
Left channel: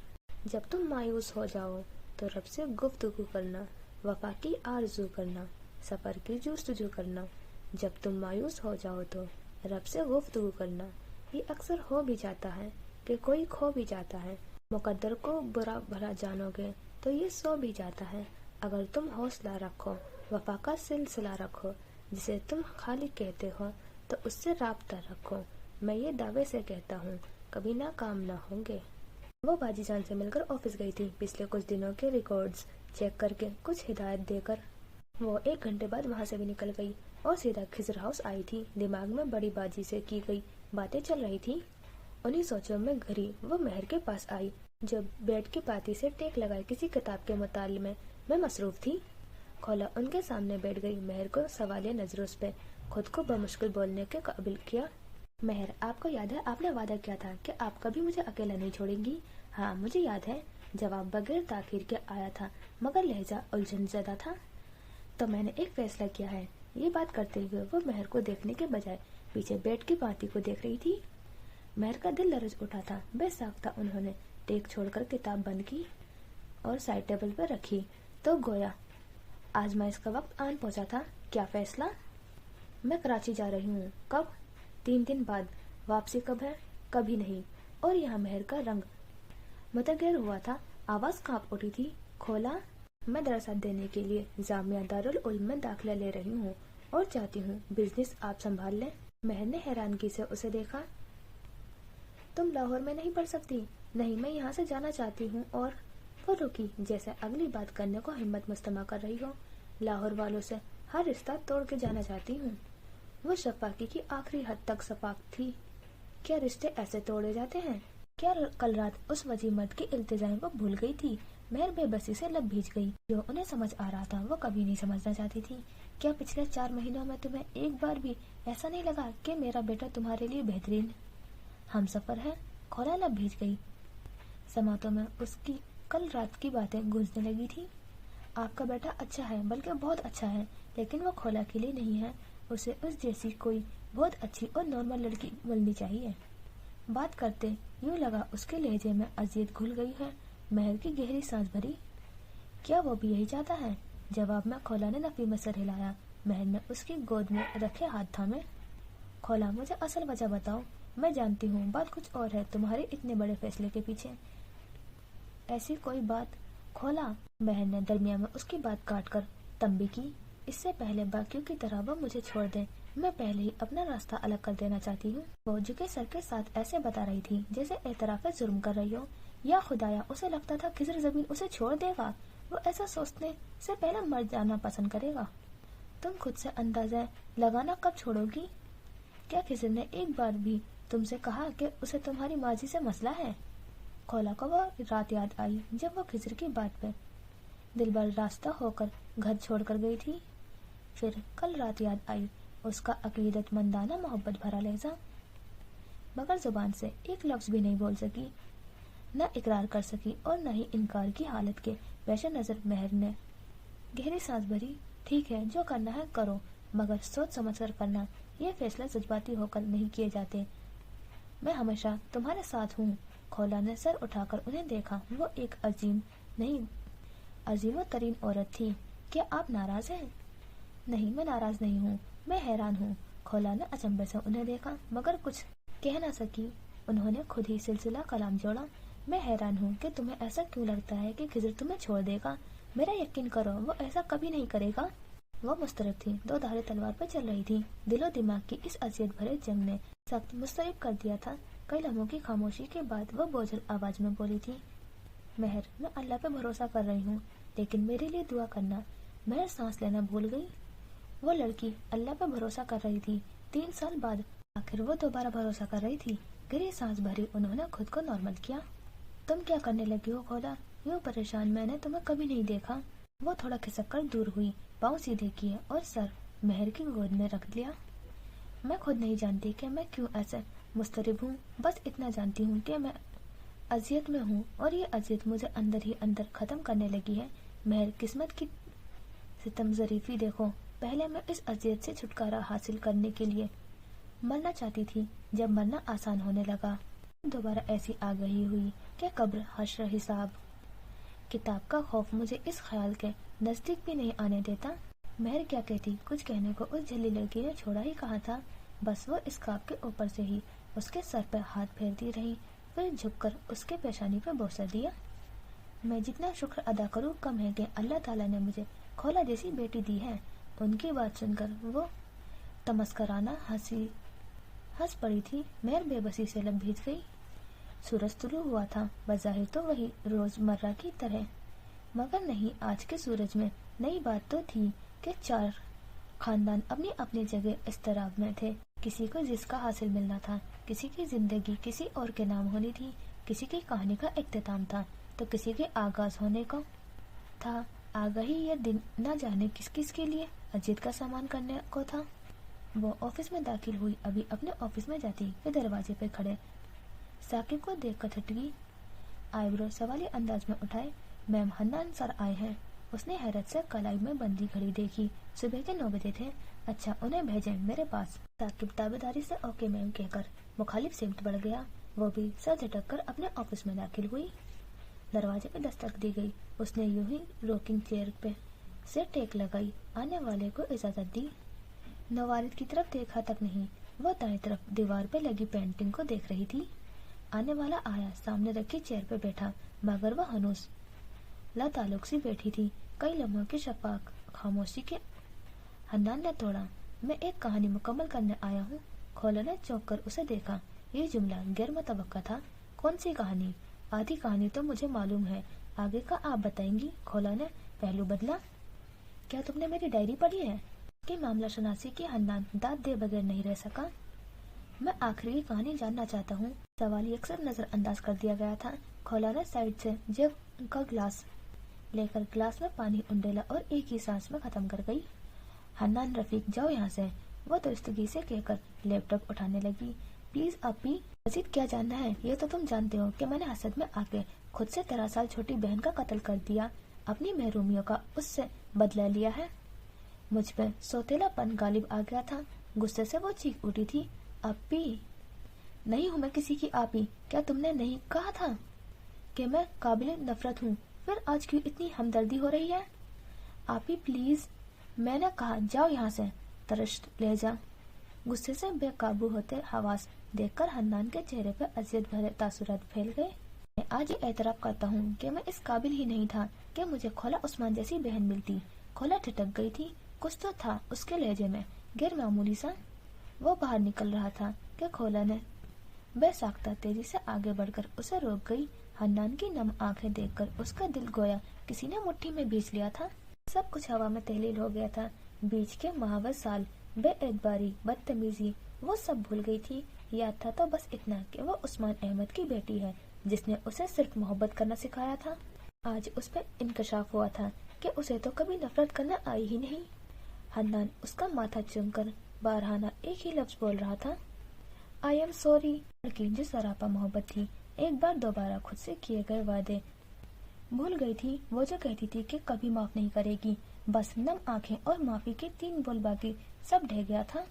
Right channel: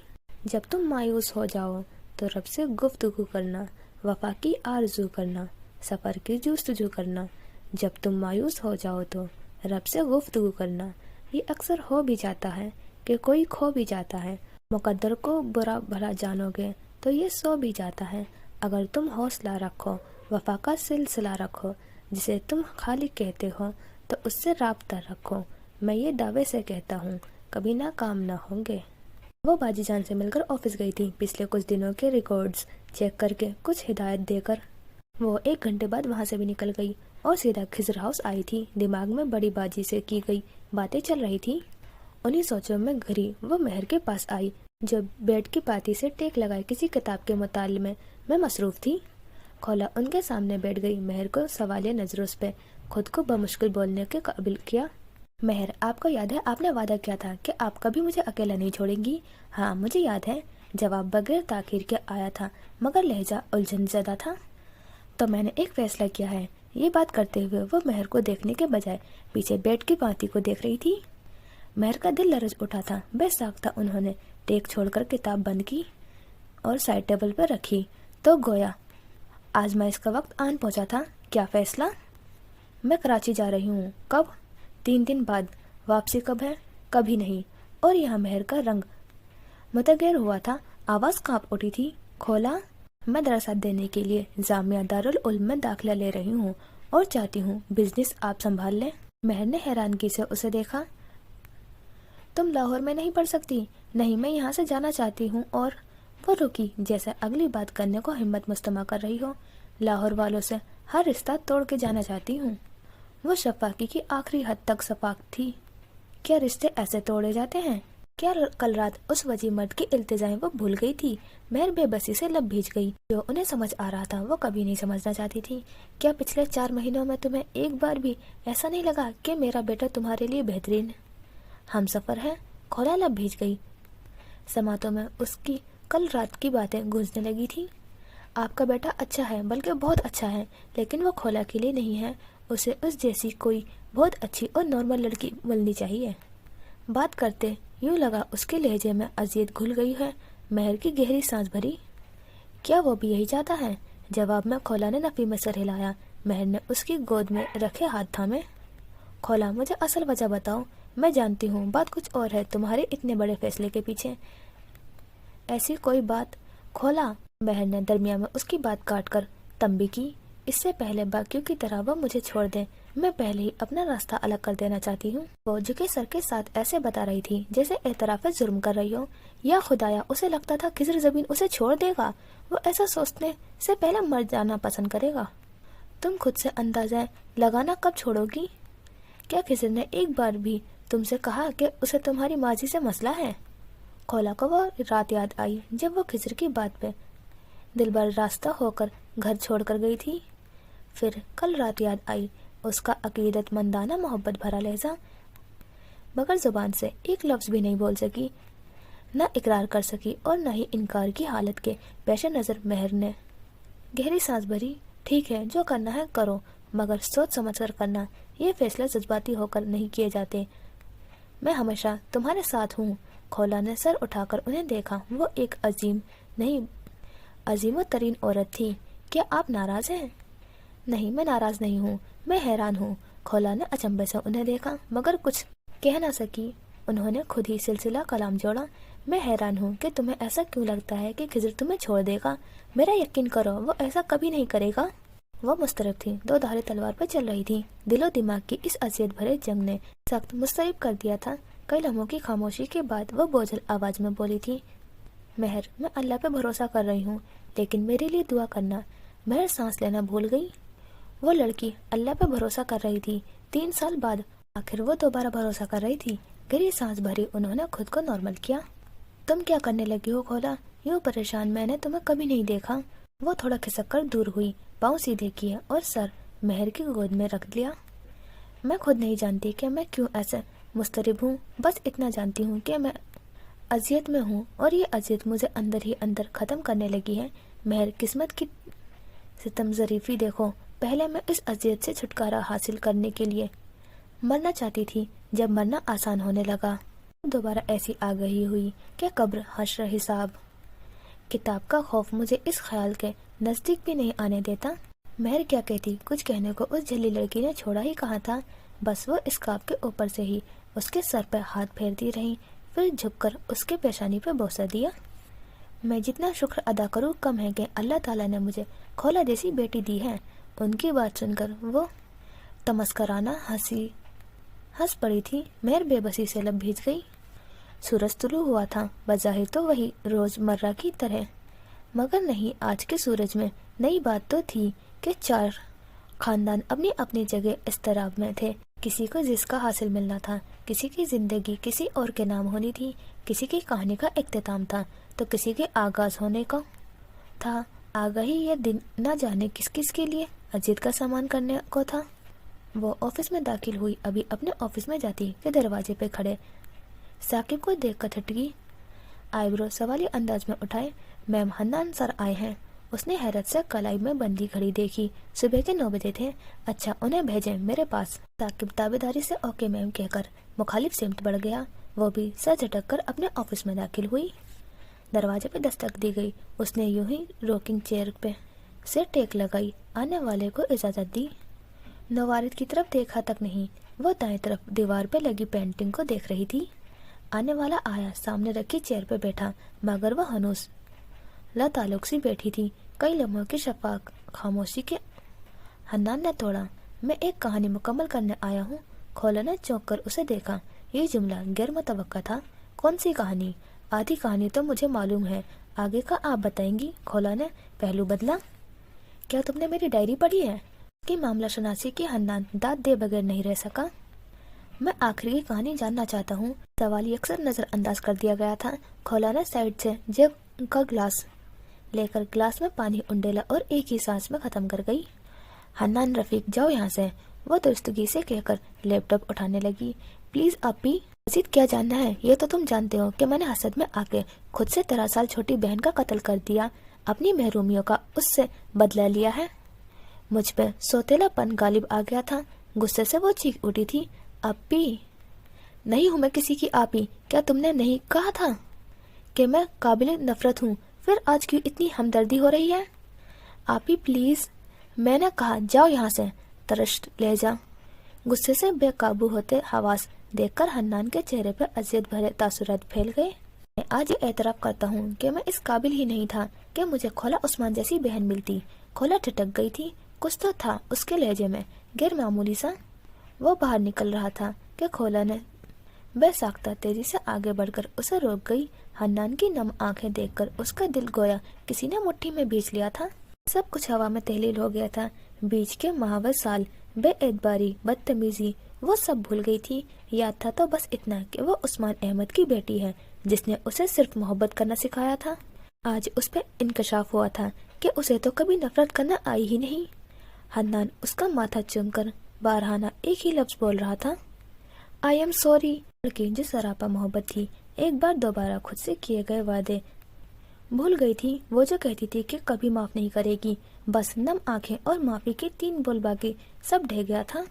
जब तुम मायूस हो जाओ तो रब से गुफ्तगू करना, वफा की आरजू करना, सफ़र की जुस्तजू करना। जब तुम मायूस हो जाओ तो रब से गुफ्तगू करना। ये अक्सर हो भी जाता है कि कोई खो भी जाता है। मुकद्दर को बुरा भला जानोगे तो ये सो भी जाता है। अगर तुम हौसला रखो, वफा का सिलसिला रखो, जिसे तुम खाली कहते हो, तो उससे राब्ता रखो। मैं ये दावे से कहता हूँ, कभी नाकाम ना होंगे। वो बाजी जान से मिलकर ऑफिस गई थी। पिछले कुछ दिनों के रिकॉर्ड्स चेक करके कुछ हिदायत देकर वो 1 घंटे बाद वहाँ से भी निकल गई और सीधा खिजर हाउस आई थी। दिमाग में बड़ी बाजी से की गई बातें चल रही थी। उन्हीं सोचों में घड़ी वो मेहर के पास आई, जो बेड की पाती से टेक लगाए किसी किताब के मुताले में मसरूफ थी। खोला उनके सामने बैठ गई। मेहर को सवालिया नजरों पे खुद को बमुश्किल बोलने के काबिल किया। मेहर, आपको याद है आपने वादा किया था कि आप कभी मुझे अकेला नहीं छोड़ेंगी? हाँ, मुझे याद है। जवाब बगैर ताखीर के आया था, मगर लहजा उलझन ज़्यादा था। तो मैंने एक फैसला किया है। ये बात करते हुए वो मेहर को देखने के बजाय पीछे बेड की पाती को देख रही थी। महर का दिल लरज उठा था। बेसाख्ता उन्होंने टेक छोड़कर किताब बंद की और साइड टेबल पर रखी। तो गोया आजमाइश का वक्त आन पहुंचा था। क्या फैसला? मैं कराची जा रही हूँ। कब? 3 दिन बाद। वापसी कब है? कभी नहीं। और यहाँ महर का रंग मुतगैर हुआ था, आवाज़ कांप उठी थी। खोला, मैं दरअसल देने के लिए जामिया दारुल उल्म में दाखिला ले रही हूँ और चाहती हूँ बिजनेस आप संभाल लें। महर ने हैरानगी से उसे देखा। तुम लाहौर में नहीं पढ़ सकती? नहीं, मैं यहाँ से जाना चाहती हूँ। और वो रुकी, जैसे अगली बात करने को हिम्मत मुस्तमा कर रही हो। लाहौर वालों से हर रिश्ता तोड़ के जाना चाहती हूँ। वो शफाकी की आखिरी हद तक सपाक थी। क्या रिश्ते ऐसे तोड़े जाते हैं? क्या कल रात उस वजी मर्द की इल्तिजाएं वो भूल गई थी? महर बेबसी से लब भीज गई। जो उन्हें समझ आ रहा था वो कभी नहीं समझना चाहती थी। क्या पिछले 4 महीनों में तुम्हें एक बार भी ऐसा नहीं लगा कि मेरा बेटा तुम्हारे लिए बेहतरीन हमसफर है? खोला लब भीज गई। समातों में उसकी कल रात की बातें गूंजने लगी थी। आपका बेटा अच्छा है, बल्कि बहुत अच्छा है, लेकिन वो खोला के लिए नहीं है। उसे उस जैसी कोई बहुत अच्छी और नॉर्मल लड़की मिलनी चाहिए। बात करते यूं लगा उसके लहजे में अजियत घुल गई है। महर की गहरी सांस भरी। क्या वो भी यही चाहता है? जवाब में खोला ने नफी में सर हिलाया। महर ने उसकी गोद में रखे हाथ थामे। खोला, मुझे असल वजह बताओ। मैं जानती हूँ बात कुछ और है तुम्हारे इतने बड़े फैसले के पीछे। ऐसी कोई बात? खोला, महर ने दरमियान में उसकी बात काटकर तंबी की। इससे पहले बाकियों की तरह वो मुझे छोड़ दे, मैं पहले ही अपना रास्ता अलग कर देना चाहती हूँ। वो झुके सर के साथ ऐसे बता रही थी जैसे एतराफ जुर्म कर रही हो। या खुदाया, उसे लगता था खिजर ज़मीन उसे छोड़ देगा। वो ऐसा सोचने से पहले मर जाना पसंद करेगा। तुम खुद से अंदाजा लगाना कब छोड़ोगी? क्या खिजर ने एक बार भी तुमसे कहा कि उसे तुम्हारी माजी से मसला है? खोला को वो रात याद आई जब वो खिजर की बात पे दिलबर रास्ता होकर घर छोड़कर गई थी। फिर कल रात याद आई उसका अकीदतमंदाना मोहब्बत भरा लहजा। मगर जुबान से एक लफ्ज़ भी नहीं बोल सकी, न इकरार कर सकी और न ही इनकार की हालत के पेश नज़र महर ने गहरी सांस भरी। ठीक है, जो करना है करो, मगर सोच समझ कर करना। ये फैसले जज्बाती होकर नहीं किए जाते। मैं हमेशा तुम्हारे साथ हूँ। खोला ने सर उठाकर उन्हें देखा। वो एक अजीम तरीन औरत थी। क्या आप नाराज हैं? नहीं, मैं नाराज नहीं हूँ, मैं हैरान हूँ। खोला ने अचंभे से उन्हें देखा मगर कुछ कह ना सकी। उन्होंने खुद ही सिलसिला कलाम जोड़ा। मैं हैरान हूँ कि तुम्हें ऐसा क्यों लगता है कि खिजर तुम्हें छोड़ देगा। मेरा यकीन करो, वो ऐसा कभी नहीं करेगा। वो मुस्तरब थी, 2 धारे तलवार पर चल रही थी। दिलो दिमाग की इस अजियत भरे जंग ने सख्त मुस्तरब कर दिया था। कई लम्हों की खामोशी के बाद वो बोझल आवाज में बोली थी, महर, मैं अल्लाह पे भरोसा कर रही हूँ, लेकिन मेरे लिए दुआ करना। महर सांस लेना भूल गई। वो लड़की अल्लाह पे भरोसा कर रही थी। 3 साल बाद आखिर वो दोबारा भरोसा कर रही थी। गहरी सांस भरी उन्होंने खुद को नॉर्मल किया। तुम क्या करने लगी हो खोला? यूं परेशान मैंने तुम्हें कभी नहीं देखा। वो थोड़ा खिसक कर दूर हुई, पाँव सीधे किए और सर महर की गोद में रख लिया। मैं खुद नहीं जानती कि मैं क्यों ऐसे मुस्तरिब हूँ। बस इतना जानती हूँ कि मैं अजियत में हूँ और ये अजियत मुझे अंदर ही अंदर ख़त्म करने लगी है। महर, किस्मत की सितम ज़रीफ़ी देखो। पहले मैं इस अजियत से छुटकारा हासिल करने के लिए मरना चाहती थी। जब मरना आसान होने लगा दोबारा ऐसी आगाही हुई कि कब्र, हश्र, हिसाब, किताब का खौफ मुझे इस ख्याल के नज़दीक भी नहीं आने देता। महर क्या कहती, कुछ कहने को उस झल्ली लड़की ने छोड़ा ही कहा था। बस वो इस्काप के ऊपर से ही उसके सर पर हाथ फेरती रही, फिर झुककर उसके पेशानी पर बोसा दिया। मैं जितना शुक्र अदा करूँ कम है कि अल्लाह ताला ने मुझे खोला जैसी बेटी दी है। उनकी बात सुनकर वो तमस्कराना हंस पड़ी थी। महर बेबसी से लब भीज गई। सूरज तुलू हुआ था, बज़ाहिर तो वही रोज़मर्रा की तरह, मगर नहीं, आज के सूरज में नई बात तो थी कि 4 खानदान अपनी अपनी जगह इस्तराब में थे। किसी को जिसका हासिल मिलना था, किसी की जिंदगी किसी और के नाम होनी थी, किसी की कहानी का इख्तिताम था तो किसी के आगाज होने का था। आगाही ये दिन न जाने किस किस के लिए अजीत का सामान करने को था। वो ऑफिस में दाखिल हुई, अभी अपने ऑफिस में जाती कि दरवाजे पे खड़े साकिब को देख कर थटकी। आईब्रो सवाली अंदाज में उठाए, मैम हन्नान सर आए हैं। उसने हैरत से कलाई में बंदी घड़ी देखी। सुबह के 9 बजे थे। अच्छा, उन्हें भेजें मेरे पास। साकिब ताबेदारी से ओके मैम कहकर मुखालिफ सिमत बढ़ गया। वो भी सर झटक कर अपने ऑफिस में दाखिल हुई। दरवाजे पे दस्तक दी गई। उसने यूं ही रॉकिंग चेयर पे से टेक लगाई, आने वाले को इजाजत दी। नवारिद की तरफ देखा तक नहीं, वो दाएं तरफ दीवार पे लगी पेंटिंग को देख रही थी। आने वाला आया, सामने रखी चेयर पे बैठा, मगर वह हनूस लाताल्लुक सी बैठी थी। कई लम्हों की शफाक खामोशी के हन्नान ने तोड़ा। मैं एक कहानी मुकम्मल करने आया हूँ। खोला ने चौंक कर उसे देखा। ये जुमला गैर मुतवक्का था। कौन सी कहानी? आधी कहानी तो मुझे मालूम है, आगे का आप बताएंगी। खोला ने पहलू बदला। क्या तुमने मेरी डायरी पढ़ी है? कि मामला शनासी की हन्नान दाद दे बगैर नहीं रह सका। मैं आखिरी की कहानी जानना चाहता हूँ। सवाल अक्सर नजरअंदाज कर दिया गया था। खोला ने साइड से जेब का ग्लास लेकर ग्लास में पानी उंडेला और एक ही सांस में खत्म कर गई। हन्नान रफीक, जाओ यहाँ से, वो दुरुस्तगी से कहकर लैपटॉप उठाने लगी। प्लीज अपी, मजीद क्या जानना है? ये तो तुम जानते हो कि मैंने हसद में आके खुद से 13 साल छोटी बहन का कत्ल कर दिया, अपनी महरूमियों का उससे बदला लिया है। मुझ पे सौतेलापन गालिब आ गया था। गुस्से से वो चीख उठी थी। अपी नहीं हूँ मैं किसी की आपी। क्या तुमने नहीं कहा था कि मैं काबिल नफरत हूँ? फिर आज क्यों इतनी हमदर्दी हो रही है? आपी प्लीज, मैंने कहा जाओ यहाँ से। तरश लहजा गुस्से से बेकाबू होते हवास देखकर हन्नान के चेहरे पर अजियत भरे तासुरात फैल गए। मैं आज ये एतराफ करता हूँ कि मैं इस काबिल ही नहीं था कि मुझे खोला उस्मान जैसी बहन मिलती। खोला ठिठक गई थी। कुछ तो था उसके लहजे में गैर मामूली सा। वो बाहर निकल रहा था कि खोला ने बेसाख्ता तेजी से आगे बढ़कर उसे रोक गई। हन्नान की नम आंखें देखकर उसका दिल गोया किसी ने मुट्ठी में बीच लिया था। सब कुछ हवा में तहलील हो गया था। बीच के महावर साल, बेएतबारी, बदतमीजी, वो सब भूल गई थी। याद था तो बस इतना कि वो उस्मान अहमद की बेटी है, जिसने उसे सिर्फ मोहब्बत करना सिखाया था। आज उस पर इंकशाफ हुआ था कि उसे तो कभी नफरत करना आई ही नहीं। हन्नान उसका माथा चूमकर बारहाना एक ही लफ्ज बोल रहा था, आई एम सॉरी। लड़की जिस सरापा मोहब्बत थी, एक बार दोबारा खुद से किए गए वादे भूल गई थी। वो जो कहती थी कि कभी माफ नहीं करेगी, बस नम आंखें और माफी के 3 बोल बाकी सब ढह गया था।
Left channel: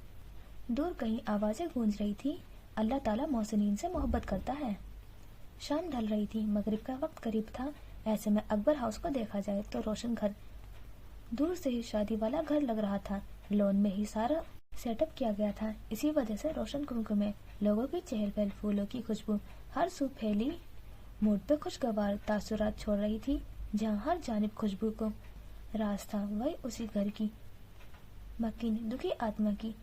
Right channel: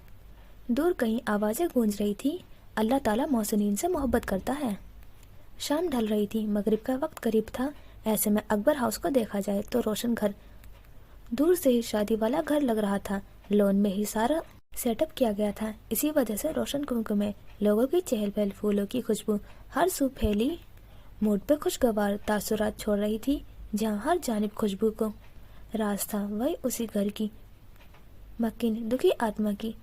दूर कहीं आवाजें गूंज रही थी, अल्लाह ताला मोहसिनीन से मोहब्बत करता है। शाम ढल रही थी, मगरिब का वक्त करीब था। ऐसे में अकबर हाउस को देखा जाए तो रोशन घर, दूर से ही शादी वाला घर लग रहा था। लोन में ही सारा सेटअप किया गया था। इसी वजह से रोशन कुमकुमे, लोगों की चहल पहल, फूलों की खुशबू हर सू फैली मूड पे खुशगवार तासुरात छोड़ रही थी। जहाँ हर जानिब खुशबू को राज था, वही उसी घर की मक्कीन दुखी आत्मा की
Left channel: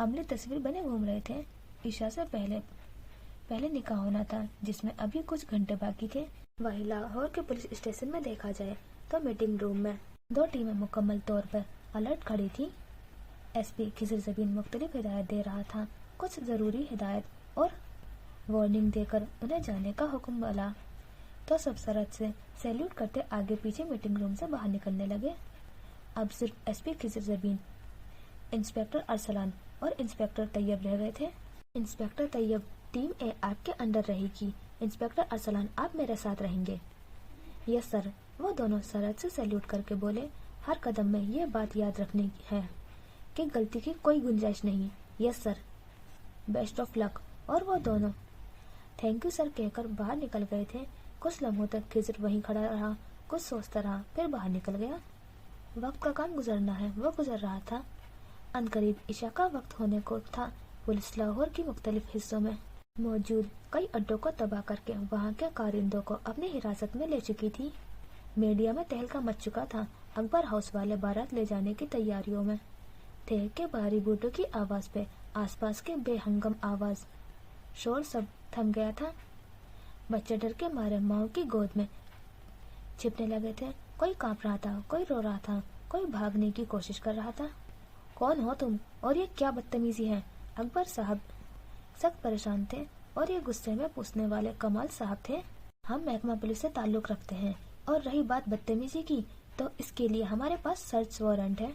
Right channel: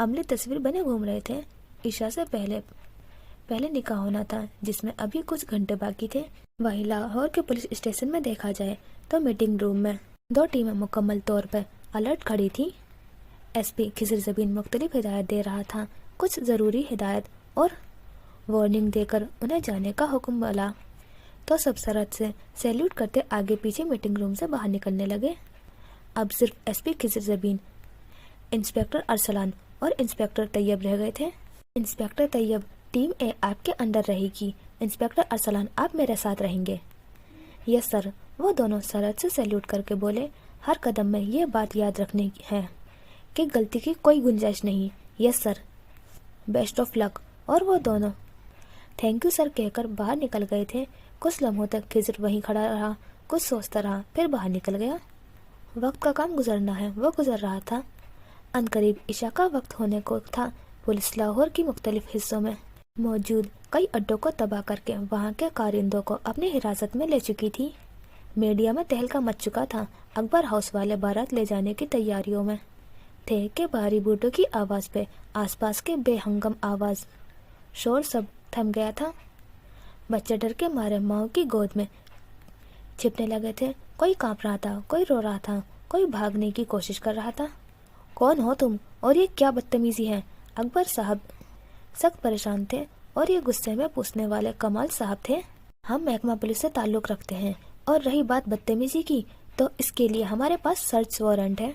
अमली तस्वीर बने घूम रहे थे। ईशा से पहले निकाह होना था, जिसमें अभी कुछ घंटे बाकी थे। वही लाहौर के पुलिस स्टेशन में देखा जाए तो मीटिंग रूम में 2 टीमें मुकम्मल तौर पर अलर्ट खड़ी थी। एसपी खिजर जबीन मुख्तलिफ हिदायत दे रहा था। कुछ ज़रूरी हिदायत और वार्निंग देकर उन्हें जाने का हुक्म मिला तो सब सरहद से सैल्यूट करते आगे पीछे मीटिंग रूम से बाहर निकलने लगे। अब सिर्फ एसपी खिजर जबीन, इंस्पेक्टर अरसलान और इंस्पेक्टर तैयब रह गए थे। इंस्पेक्टर तैयब, टीम ए आपके अंडर रहेगी। इंस्पेक्टर अरसलान, आप मेरे साथ रहेंगे। यस सर, वो दोनों सरहद से सैल्यूट करके बोले। हर कदम में ये बात याद रखनी है कि गलती की कोई गुंजाइश नहीं। Yes sir, best of luck. और वो दोनों थैंक यू सर कहकर बाहर निकल गए थे। कुछ लम्हों तक खिजर वहीं खड़ा रहा, कुछ सोचता रहा, फिर बाहर निकल गया। वक्त का काम गुजरना है, वो गुजर रहा था। अनकरीब इशा का वक्त होने को था। पुलिस लाहौर की मुख्तलिफ हिस्सों में मौजूद कई अड्डों को तबाह करके वहाँ के कारिंदों को अपनी हिरासत में ले चुकी थी। मीडिया में तहलका मच चुका था। अकबर हाउस वाले बारात ले जाने की तैयारियों में थे कि भारी बूटों की आवाज़ पे आसपास के बेहंगम आवाज़ शोर सब थम गया था। बच्चे डर के मारे माँ की गोद में छिपने लगे थे। कोई कांप रहा था, कोई रो रहा था, कोई भागने की कोशिश कर रहा था। कौन हो तुम और ये क्या बदतमीजी है? अकबर साहब सख्त परेशान थे और ये गुस्से में पूछने वाले कमाल साहब थे। हम महकमा पुलिस से ताल्लुक़ रखते हैं और रही बात बदतमीजी की तो इसके लिए हमारे पास सर्च वारंट है।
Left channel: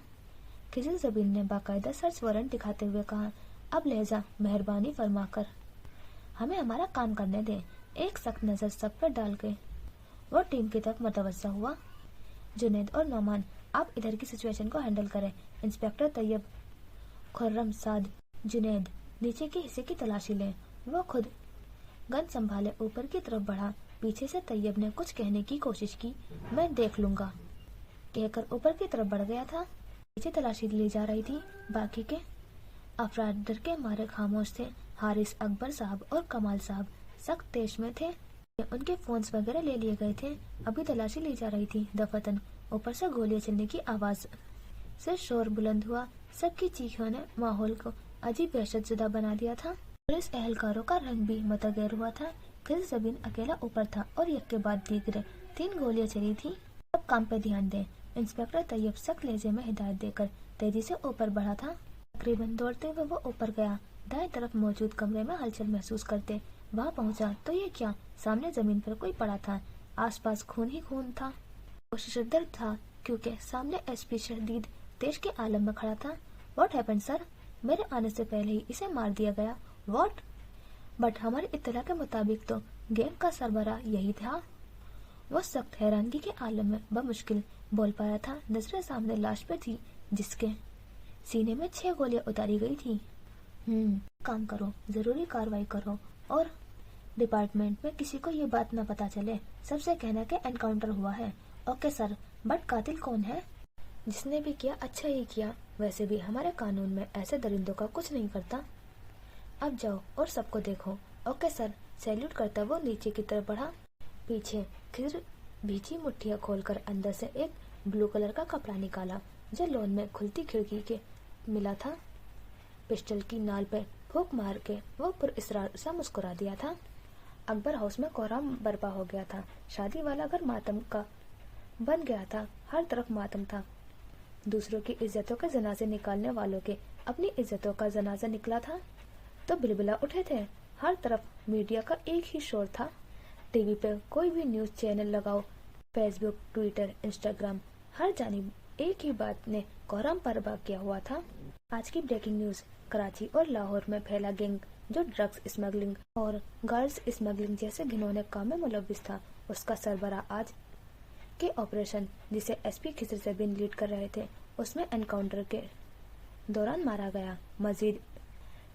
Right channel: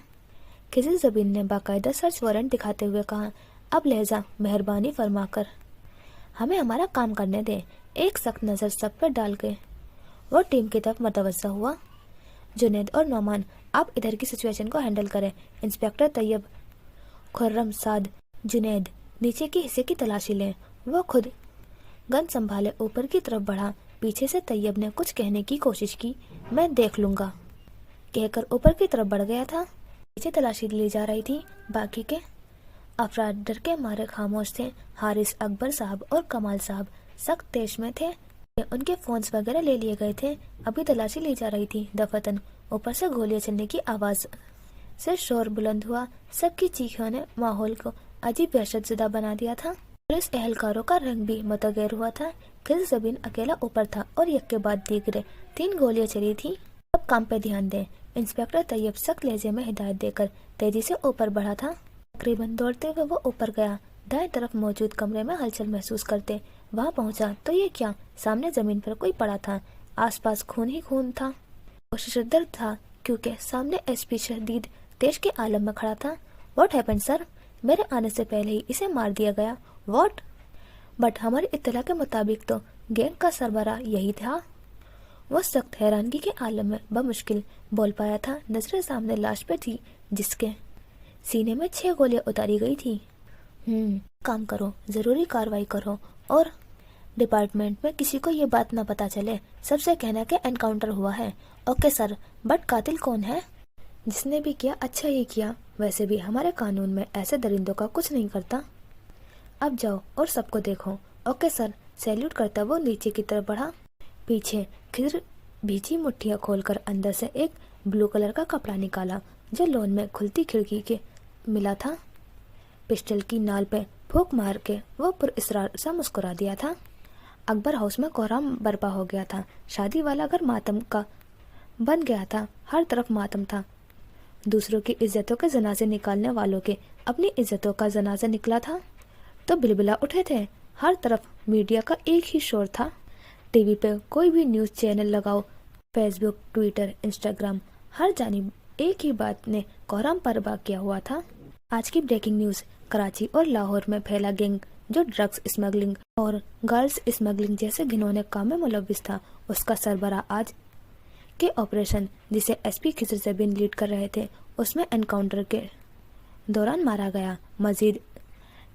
खिजर जबीन ने बाकायदा सर्च वारंट दिखाते हुए कहा। अब लहजा मेहरबानी फरमाकर हमें हमारा काम करने दें। एक सख्त नज़र सब पर डाल के वो टीम की तरफ मतवज्जा हुआ। जुनैद और नौमान, आप इधर की सिचुएशन को हैंडल करें। इंस्पेक्टर तैयब, खुर्रम, साद, जुनैद नीचे के हिस्से की तलाशी लें। वो खुद गन संभाले ऊपर की तरफ बढ़ा। पीछे से तैयब ने कुछ कहने की कोशिश की। मैं देख लूंगा कहकर ऊपर की तरफ बढ़ गया था। नीचे तलाशी ली जा रही थी। बाकी के अफराद डर के मारे खामोश थे। हारिस, अकबर साहब और कमाल साहब सख्त तेज में थे। उनके फोन्स वगैरह ले लिए गए थे। अभी तलाशी ली जा रही थी दफातन। ऊपर से गोलियां चलने की आवाज से शोर बुलंद हुआ। सबकी चीखों ने माहौल को अजीब दहशतज़दा बना दिया था। पुलिस एहलकारों का रंग भी मुतगैर हुआ था। खिज़र ज़बीन अकेला ऊपर था और एक के बाद दीगरे 3 गोलियां चली थी। अब काम पे ध्यान दें। इंस्पेक्टर तैयब सख्त लहजे में हिदायत देकर तेजी से ऊपर बढ़ा था। तकरीबन दौड़ते हुए वो ऊपर गया। दाएं तरफ मौजूद कमरे में हलचल महसूस करते वहां पहुंचा तो ये क्या, सामने जमीन पर कोई पड़ा था। आसपास खून ही खून था। वो शदीद था क्योंकि सामने एसपी शदीद तेज के आलम में खड़ा था। What happened sir? मेरे आने से पहले ही इसे मार दिया गया। व्हाट? बट हमारी इत्तला के मुताबिक तो गैंग का सरबराह यही था। वो सख्त हैरानगी के आलम में बमुश्किल बोल पाया था। नजरें सामने लाश पे थी जिसके सीने में 6 गोलियां उतारी गई थी। काम करो, जरूरी कार्रवाई करो और डिपार्टमेंट में किसी को ये बात ना पता चले। सबसे कहना कि एनकाउंटर हुआ है। ओके सर, बट कातिल कौन है? जिसने भी किया अच्छा ही किया। वैसे भी हमारे कानून में ऐसे दरिंदों का कुछ नहीं करता। अब जाओ और सबको देखो। Okay sir. सैल्यूट करता वो नीचे की तरफ बढ़ा। पीछे खिज़र भीजी मुट्ठियां खोलकर अंदर से एक ब्लू कलर का कपड़ा निकाला जो लॉन में खुलती खिड़की के मिला था। पिस्टल की नाल पे फूंक मार के वो पुरइसरार सा मुस्कुरा दिया था। अकबर हाउस में कोहराम बर्पा हो गया था। शादी वाला घर मातम का बन गया था। हर तरफ मातम था। दूसरों की इज्जतों के जनाजे निकालने वालों के अपनी इज्जतों का जनाजा निकला था तो बिलबिला उठे थे। हर तरफ मीडिया का एक ही शोर था। टीवी पे कोई भी न्यूज़ चैनल लगाओ, फेसबुक, ट्विटर, इंस्टाग्राम, हर जानिब एक ही बात ने कोहराम बर्पा किया हुआ था। आज की ब्रेकिंग न्यूज़, कराची और लाहौर में फैला गैंग जो ड्रग्स स्मगलिंग और गर्ल्स स्मगलिंग जैसे घिनौने काम में मुलव्विस था, उसका सरबराह आज के ऑपरेशन जिसे एसपी खिज़र ज़बीन लीड कर रहे थे उसमें एनकाउंटर के दौरान मारा गया। मजीद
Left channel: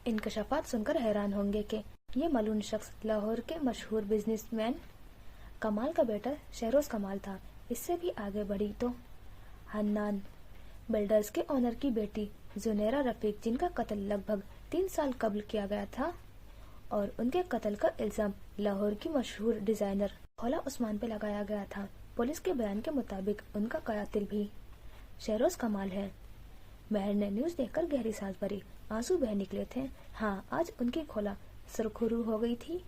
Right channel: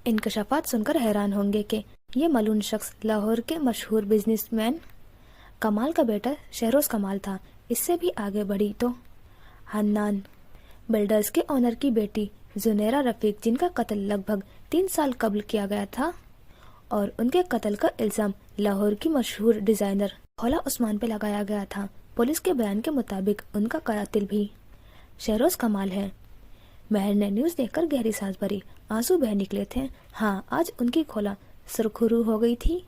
इंकशाफात सुनकर हैरान होंगे कि ये मलून शख्स लाहौर के मशहूर बिजनेसमैन कमाल का बेटा शहरोज कमाल था। इससे भी आगे बढ़ी तो हन्नान बिल्डर्स के ऑनर की बेटी जुनेरा रफीक, जिनका कत्ल लगभग 3 साल कबल किया गया था और उनके कत्ल का इल्जाम लाहौर की मशहूर डिजाइनर खोला उस्मान पे लगाया गया था। पुलिस के बयान के मुताबिक उनका कातिल भी शहरोज कमाल है। महर ने न्यूज़ देखकर गहरी सांस भरी। आंसू बह निकले थे। हाँ, आज उनकी खोला सुरखरू हो गई थी।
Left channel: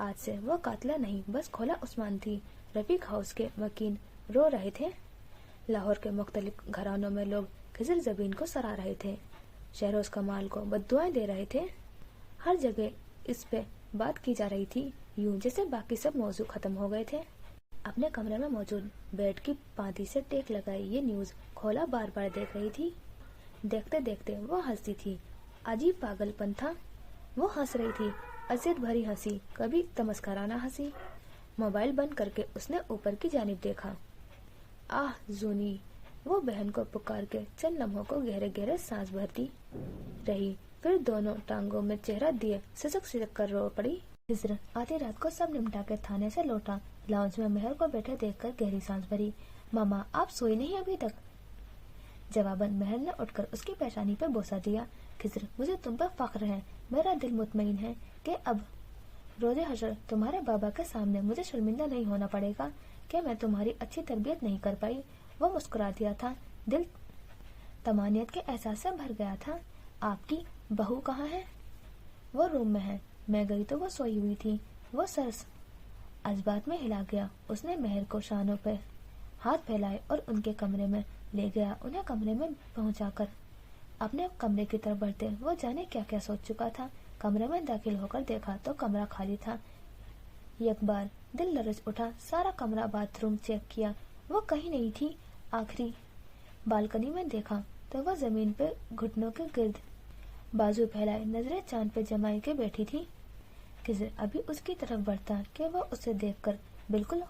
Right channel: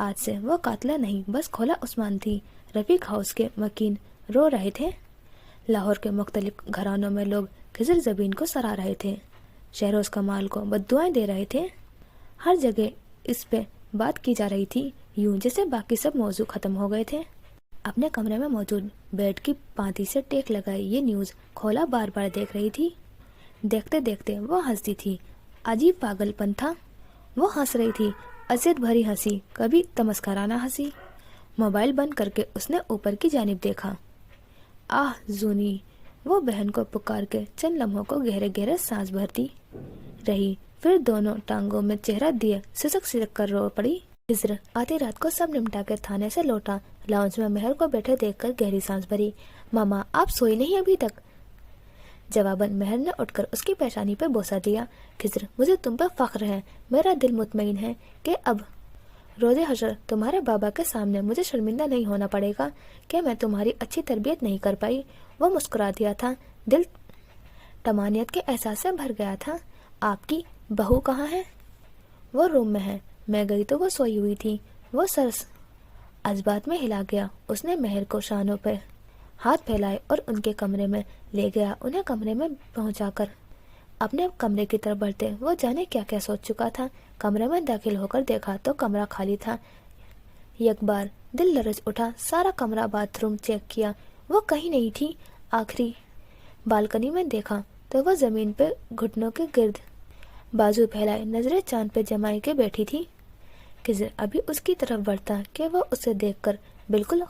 आज से वो कातला नहीं बस खोला उस्मान थी। रफीक हाउस के मकीन रो रहे थे। लाहौर के मुख्तलिफ घरानों में लोग खिज़र ज़बीन को सराह रहे थे। शहरोज कमाल को बद्दुआएं दे रहे थे। हर जगह इस पे बात की जा रही थी, यूं जैसे बाकी सब मौजू खत्म हो गए थे। अपने कमरे में मौजूद बेड की पांति से टेक लगाई ये न्यूज़ खोला बार बार देख रही थी। देखते देखते वो हंसती थी। अजीब पागलपन था। वो हंस रही थी, अजियत भरी हंसी, कभी तमस्कराना हंसी। मोबाइल बंद करके उसने ऊपर की जानिब देखा। आह जूनी, वो बहन को पुकार के चंद लम्हों को गहरे गहरे सांस भरती रही, फिर दोनों टांगों में चेहरा दिए सिसक सिसक कर रो पड़ी। खिज़र आधी रात को सब निपटा के थाने से लौटा। लाउंज में महर को बैठे देखकर गहरी सांस भरी। मामा, आप सोई नहीं अभी तक? जवाबन महर ने उठकर उसकी पेशानी पे बोसा दिया। खिज़र, मुझे तुम पर फख्र है। मेरा दिल मुतमईन है कि अब रोज़े हशर तुम्हारे बाबा के सामने मुझे शर्मिंदा नहीं होना पड़ेगा कि मैं तुम्हारी अच्छी तरबियत नहीं कर पाई। वो मुस्कुरा दिया था। दिल तमानियत के एहसास से भर गया था। आपकी बहू कहाँ है? वो रूम में है। मैं गई तो वो सोई हुई थी। वो सर अजबात में हिला गया। उसने महर को शानों पर हाथ फैलाए और उनके कमरे में ले गया। उन्हें कमरे में पहुंचाकर अपने कमरे की तरफ बढ़ते वो जाने क्या क्या सोच चुका था। कमरे में दाखिल होकर देखा तो कमरा खाली था। एक बार दिल लरज उठा। सारा कमरा बाथरूम चेक किया, वो कहीं नहीं थी। आखिरी बालकनी में देखा तो वो जमीन पे घुटनों के गिर्द बाजू फैलाए नजरें चांद पे जमाई के बैठी थी। खिज़र अभी उसकी तरफ बढ़ता कि वो उसे देखकर बिल्कुल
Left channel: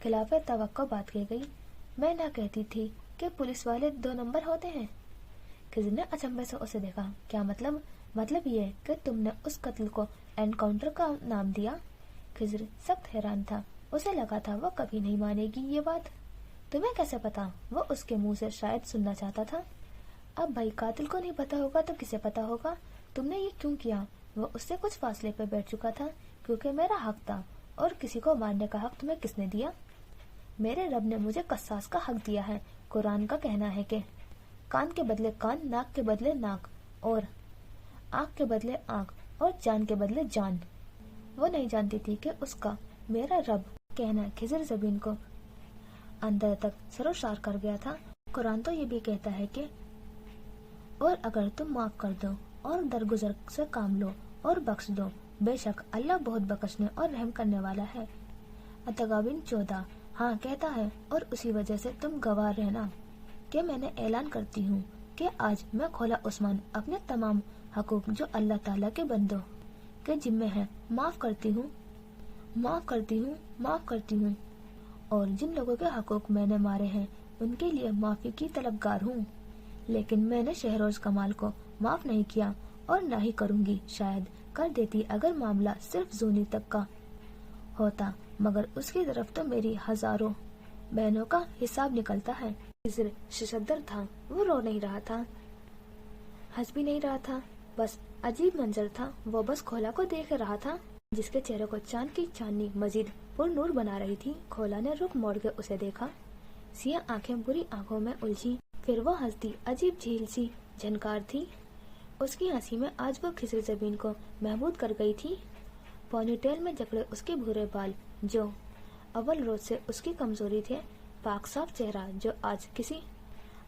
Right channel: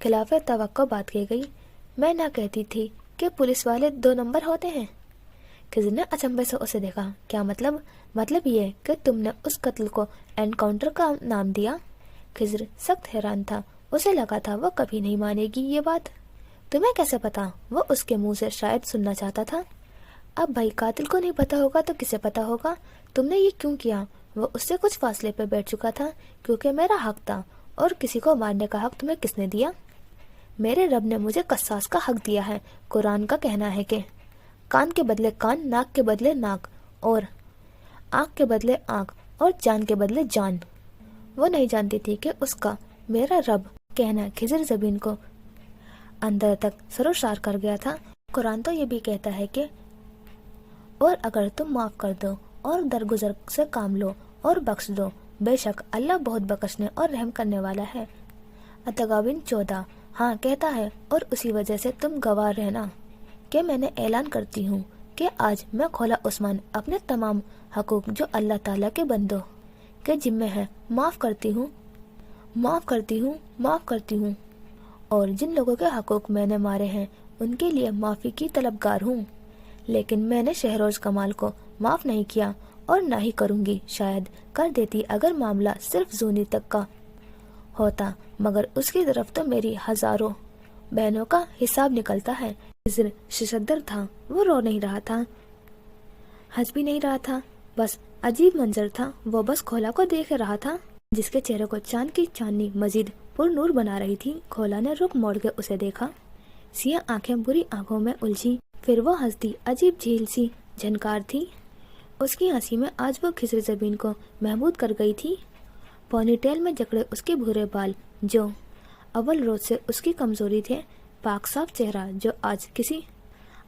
खिलाफ तवक्को बात की गई। मैं ना कहती थी कि पुलिस वाले 2 नंबर होते हैं। खिज़र ने अचंभे से उसे देखा। क्या मतलब? مطلب یہ کہ تم نے اس قتل کو انکاؤنٹر کا نام دیا؟ خضر سخت حیران تھا، اسے لگا تھا وہ کبھی نہیں مانے گی یہ بات۔ تمہیں کیسے پتا؟ وہ اس کے منہ سے شاید سننا چاہتا تھا۔ اب بھائی قاتل کو نہیں پتا ہوگا تو کسے پتا ہوگا؟ تم نے یہ کیوں کیا؟ وہ اس سے کچھ فاصلے پہ بیٹھ چکا تھا۔ کیونکہ میرا حق تھا۔ اور کسی کو مارنے کا حق تمہیں کس نے دیا؟ میرے رب نے مجھے قصاص کا حق دیا ہے۔ قرآن کا کہنا ہے کہ کان کے بدلے کان، ناک کے بدلے ناک، اور آنکھ کے بدلے آنکھ، اور جان کے بدلے جان۔ وہ نہیں جانتی تھی کہ اس کا میرا رب کہنا خضر زبین کو اندر تک سروشار کر گیا تھا۔ قرآن تو یہ بھی کہتا ہے کہ اور اگر تم معاف کر دو اور درگزر سے کام لو اور بخش دو، بے شک اللہ بہت بخشنے اور رحم کرنے والا ہے۔ التغابن 14۔ ہاں کہتا ہے، اور اسی وجہ سے تم گواہ رہنا کہ میں نے اعلان کرتی ہوں کہ آج میں کھولا عثمان اپنے تمام حقوق جو اللہ تعالیٰ کے بندوں کے ذمہ ہے معاف کرتی ہوں، معاف کرتی ہوں، معاف کرتی ہوں، اور جن لوگوں کے حقوق میں نے مارے ہیں ان کے لیے معافی کی طلبگار ہوں۔ لیکن میں نے شہروز کمال کو معاف نہیں کیا اور نہ ہی کروں گی۔ شاید کر دیتی اگر معاملہ صرف زونی تک کا ہوتا، مگر اس کی طرف تو میری ہزاروں بہنوں کا حساب نکلتا ہے۔ خضر ششدر تھا، وہ رو نہیں رہا تھا، ہنس بھی نہیں رہا تھا، بس عجیب منظر تھا۔ وہ بس کھولا کو دیکھ رہا تھا جس کے چہرے کو چاند کی چاندنی مزید پر نور بنا رہی تھی۔ کھولا نے رخ موڑ کے اسے دیکھا، سیاہ آنکھیں بری آنکھوں میں الجھی، پھر وہ ہنستی، عجیب جھیل سی جھنکار تھی اس کی ہنسی میں۔ آج وہ خضر زبین کو محبود کر گئی تھی۔ پونی ٹیل میں جکڑے اس کے بھورے بال جو اول روز سے اس کی کمزوری تھے، پاک صاف چہرہ جو آج کسی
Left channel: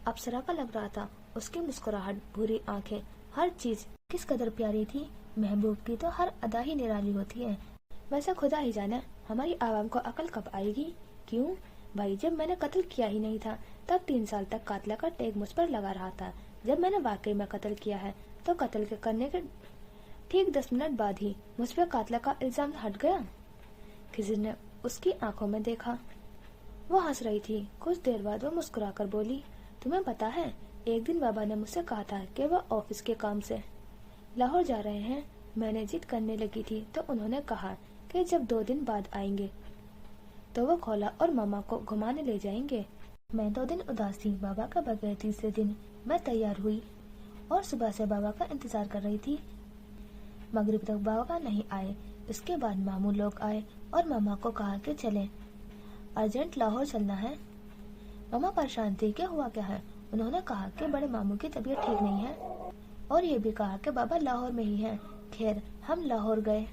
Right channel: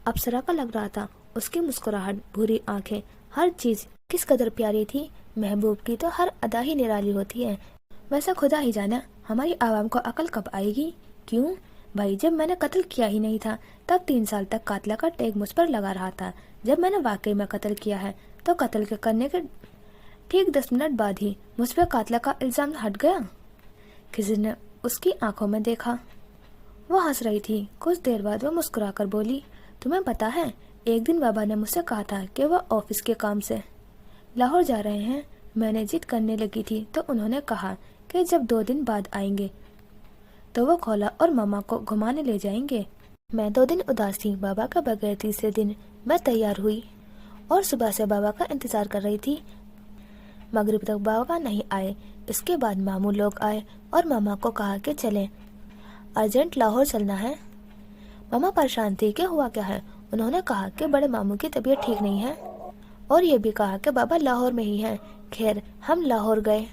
اپسرا کا لگ رہا تھا، اس کی مسکراہٹ، بھوری آنکھیں، ہر چیز کس قدر پیاری تھی۔ محبوب کی تو ہر ادا ہی نرالی ہوتی ہے۔ ویسا خدا ہی جانا ہماری عوام کو عقل کب آئے گی۔ کیوں بھائی، جب میں نے قتل کیا ہی نہیں تھا تب 3 سال تک قاتلہ کا ٹیگ مجھ پر لگا رہا تھا۔ جب میں نے واقعی میں قتل کیا ہے تو قتل کے کرنے کے ٹھیک 10 منٹ بعد ہی مجھ پہ قاتلہ کا الزام ہٹ گیا۔ خضر نے اس کی آنکھوں میں دیکھا، وہ ہنس رہی تھی۔ کچھ دیر بعد وہ مسکرا کر بولی، تمہیں پتا ہے ایک دن بابا نے مجھ سے کہا تھا کہ وہ آفس کے کام سے لاہور جا رہے ہیں۔ میں نے ضد کرنے لگی تھی تو انہوں نے کہا کہ جب 2 دن بعد آئیں گے تو وہ کھولا اور ماما کو گھمانے لے جائیں گے۔ میں 2 دن اداس تھی بابا کا بغیر۔ تیسرے دن میں تیار ہوئی اور صبح سے بابا کا انتظار کر رہی تھی۔ مغرب تک بابا نہیں آئے۔ اس کے بعد ماموں لوگ آئے اور ماما کو کہا کہ چلیں، ارجنٹ لاہور چلنا ہے۔ ماما پریشان تھی کہ ہوا کیا ہے۔ انہوں نے کہا کہ بڑے ماموں کی طبیعت ٹھیک نہیں ہے اور یہ بھی کہا کہ بابا لاہور میں ہی ہیں۔ خیر ہم لاہور گئے،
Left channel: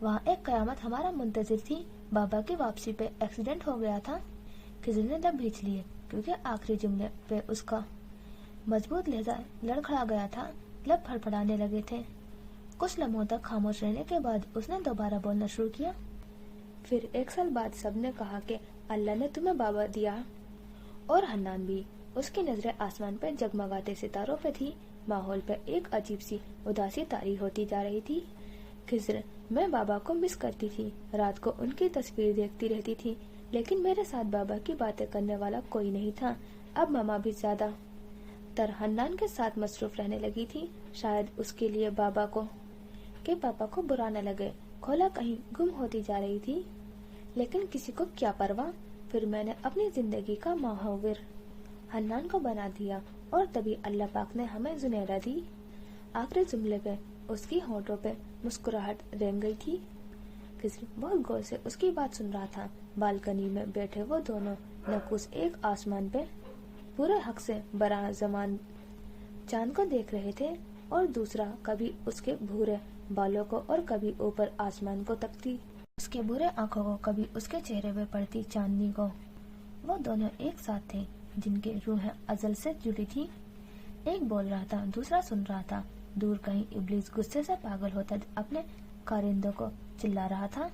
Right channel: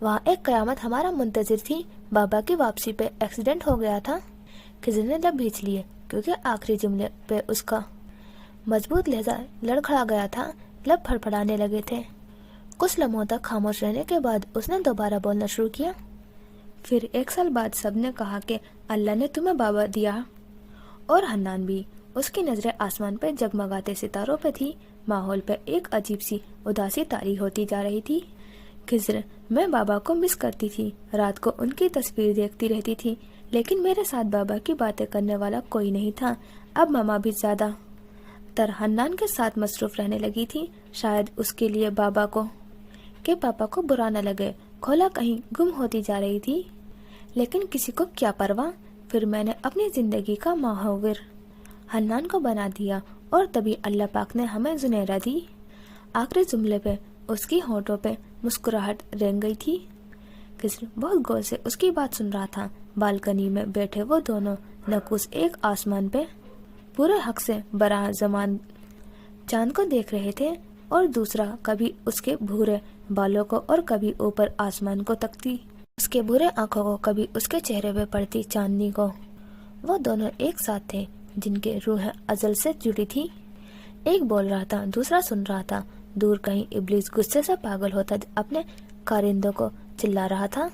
وہاں ایک قیامت ہمارا منتظر تھی۔ بابا کی واپسی پہ ایکسیڈنٹ ہو گیا تھا۔ خضر نے لب بھینچ لیے کیونکہ آخری جملے پہ اس کا مضبوط لہجہ لڑکھڑا گیا تھا، لب پھڑپھڑانے لگے تھے۔ کچھ لمحوں تک خاموش رہنے کے بعد اس نے دوبارہ بولنا شروع کیا، پھر 1 سال بعد سب نے کہا کہ اللہ نے تمہیں بابا دیا، اور حنان بھی۔ اس کی نظریں آسمان پہ جگمگاتے ستاروں پہ تھی۔ ماحول پہ ایک عجیب سی اداسی طاری ہوتی جا رہی تھی۔ خضر، میں بابا کو مس کرتی تھی، رات کو ان کی تصویر دیکھتی رہتی تھی، لیکن میرے ساتھ بابا کی باتیں کرنے والا کوئی نہیں تھا۔ اب ماما بھی زیادہ تر حنان کے ساتھ مصروف رہنے لگی تھی، شاید اس کے لیے بابا کو کہ پاپا کو برا نہ لگے۔ کھولا کہیں گم ہوتی جا رہی تھی، لیکن کسی کو کیا پرواہ۔ پھر میں نے اپنی زندگی کا محور حنان کو بنا دیا اور تبھی اللہ پاک نے ہمیں زنیرہ دی۔ آخری جملے پہ اس کی ہونٹوں پہ مسکراہٹ رنگ گئی تھی۔ خضر بہت غور سے اس کی بات سن رہا تھا۔ بالکنی میں بیٹھے وہ دونوں نقوص ایک آسمان پہ پورے حق سے براہ زمان چاند کو دیکھ رہے تھے، اور دوسرا کبھی اس کے بھورے بالوں کو اور کبھی اوپر آسمان کو تکتی اس کے بھورے آنکھوں کو، کبھی اس کے چہرے پہ پڑتی چاندنی کو۔ وہ دونوں ایک ساتھ تھے جن کے روحیں ازل سے جڑی تھی۔ ایک بول رہا تھا، دوسرا سن رہا تھا۔ دور کہیں ابلیس غصے سے پاگل ہوتا اپنے کارندوں کو چلا رہا تھا۔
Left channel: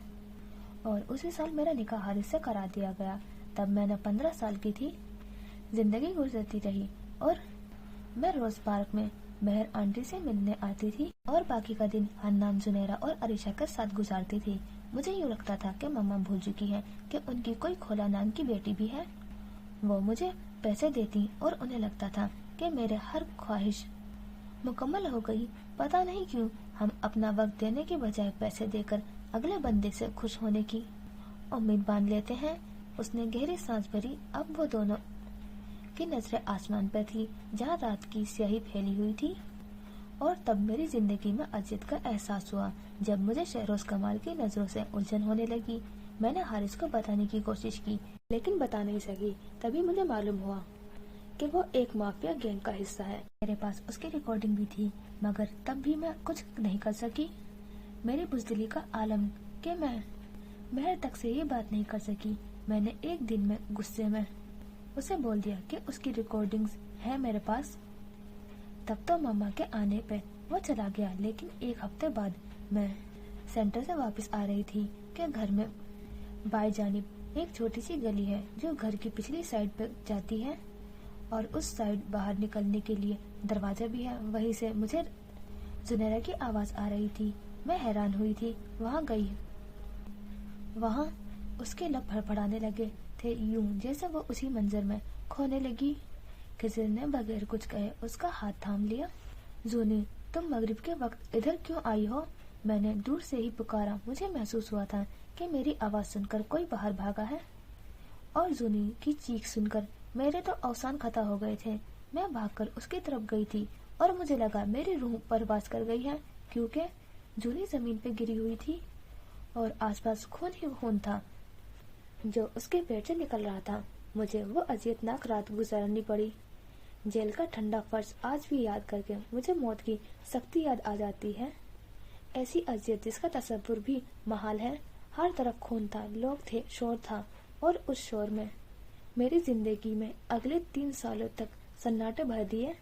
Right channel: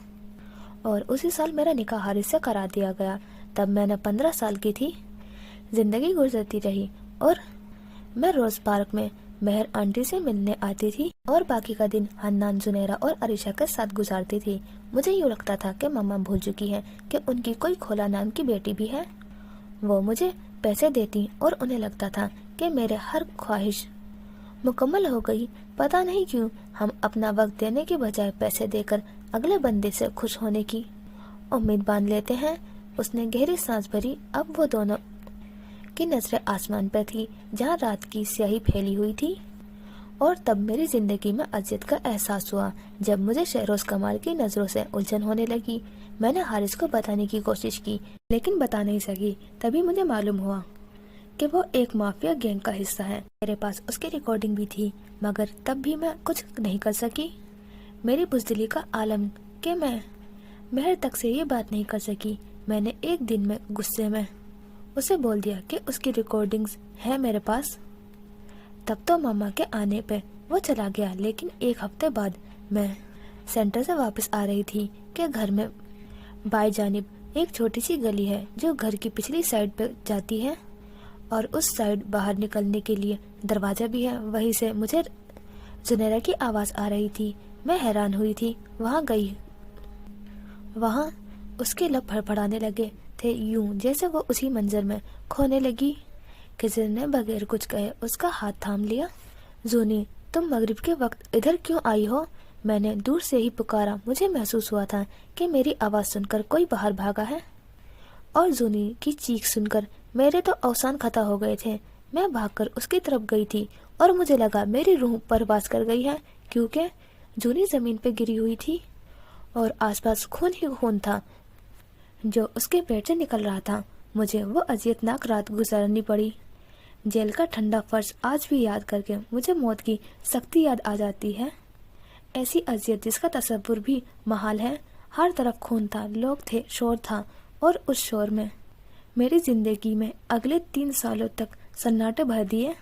اور اسی سال میرا نکاح حارث سے کرا دیا گیا۔ تب میں نے 15 سال کی تھی۔ زندگی گزرتی رہی اور میں روز پارک میں مہر آنٹی سے ملنے آتی تھی اور باقی کا دن حنان، زنیرہ اور عریشہ کے ساتھ گزارتی تھی۔ مجھے یوں لگتا تھا کہ ماما بھول چکی ہے کہ ان کی کوئی کھولا نام کی بیٹی بھی ہے۔ وہ مجھے پیسے دیتی اور انہیں لگتا تھا کہ میرے ہر خواہش مکمل ہو گئی۔ पता नहीं क्यों हम अपना वक्त देने के बजाय पैसे देकर अगले बंदे से खुश होने की उम्मीद बांध लेते हैं। उसने गहरी सांस भरी। अब वो दोनों की नजरें आसमान पर थी जहाँ रात की स्याही फैली हुई थी। और तब मेरी जिंदगी में अजियत का एहसास हुआ जब मुझे शहरोज कमाल की नजरों से उलझन होने लगी। मैंने हारिस को बताने की कोशिश की लेकिन बता नहीं सकी। तभी मुझे मालूम हुआ कि वो एक माफिया गैंग का हिस्सा है। मेरे पास उसकी रिकॉर्डिंग भी थी मगर तब भी मैं कुछ नहीं कर सकी। मेरी बुज़दिली का आलम कि मैं मेहर तक से ये बात नहीं कर सकी। मैंने एक दिन में गुस्से में उसे बोल दिया कि उसकी रिकॉर्डिंग्स है मेरे पास। तब तो मम्मा के आने पे वो चला गया, लेकिन एक हफ्ते बाद मैं सेंटर से वापस आ रही थी कि घर में बाएं जानिब एक छोटी सी गली है जो घर की पिछली साइड पे जाती है और उस साइड बाहर निकलने के लिए दरवाजा भी है। वहीं से मुझे जुनैरा की आवाज़ आ रही थी। मैं हैरान हुई थी। वहाँ गई। वहाँ उसके लब फड़फड़ाने लगे थे यूं जैसे वो उसी मंजर में खोने लगी। खिज़र ने बगैर कुछ कहे उसका हाथ थाम लिया। जूनी, तुम मगरिब के वक्त इधर क्यों आई हो? मैंने दूर से ही पुकारा। मुझे महसूस हुआ था कि मेरी आवाज़ सुनकर कोई बाहर भागा है। और जूनी की चीख सुनकर मेरे तो अवसान खता हो गए थे। मैं भागकर उसकी तरफ गई थी और मुझे लगा मेरी रूह परवास कर गई है, क्योंकि जूनी जमीन पर गिरी हुई थी और आसपास खून ही खून था जो उसके पेट से निकल रहा था। मुझे वो अजियतनाक रात गुजारनी पड़ी। जेल का ठंडा फर्श आज भी याद करके मुझे मौत की सख्ती याद आ जाती है। ऐसी अजियत जिसका तसव्वुर भी महाल है। हर तरफ खून था, लोग थे, शोर था और उस शोर में मेरी जिंदगी में अगले 3 सालों तक सन्नाटे भर दिए।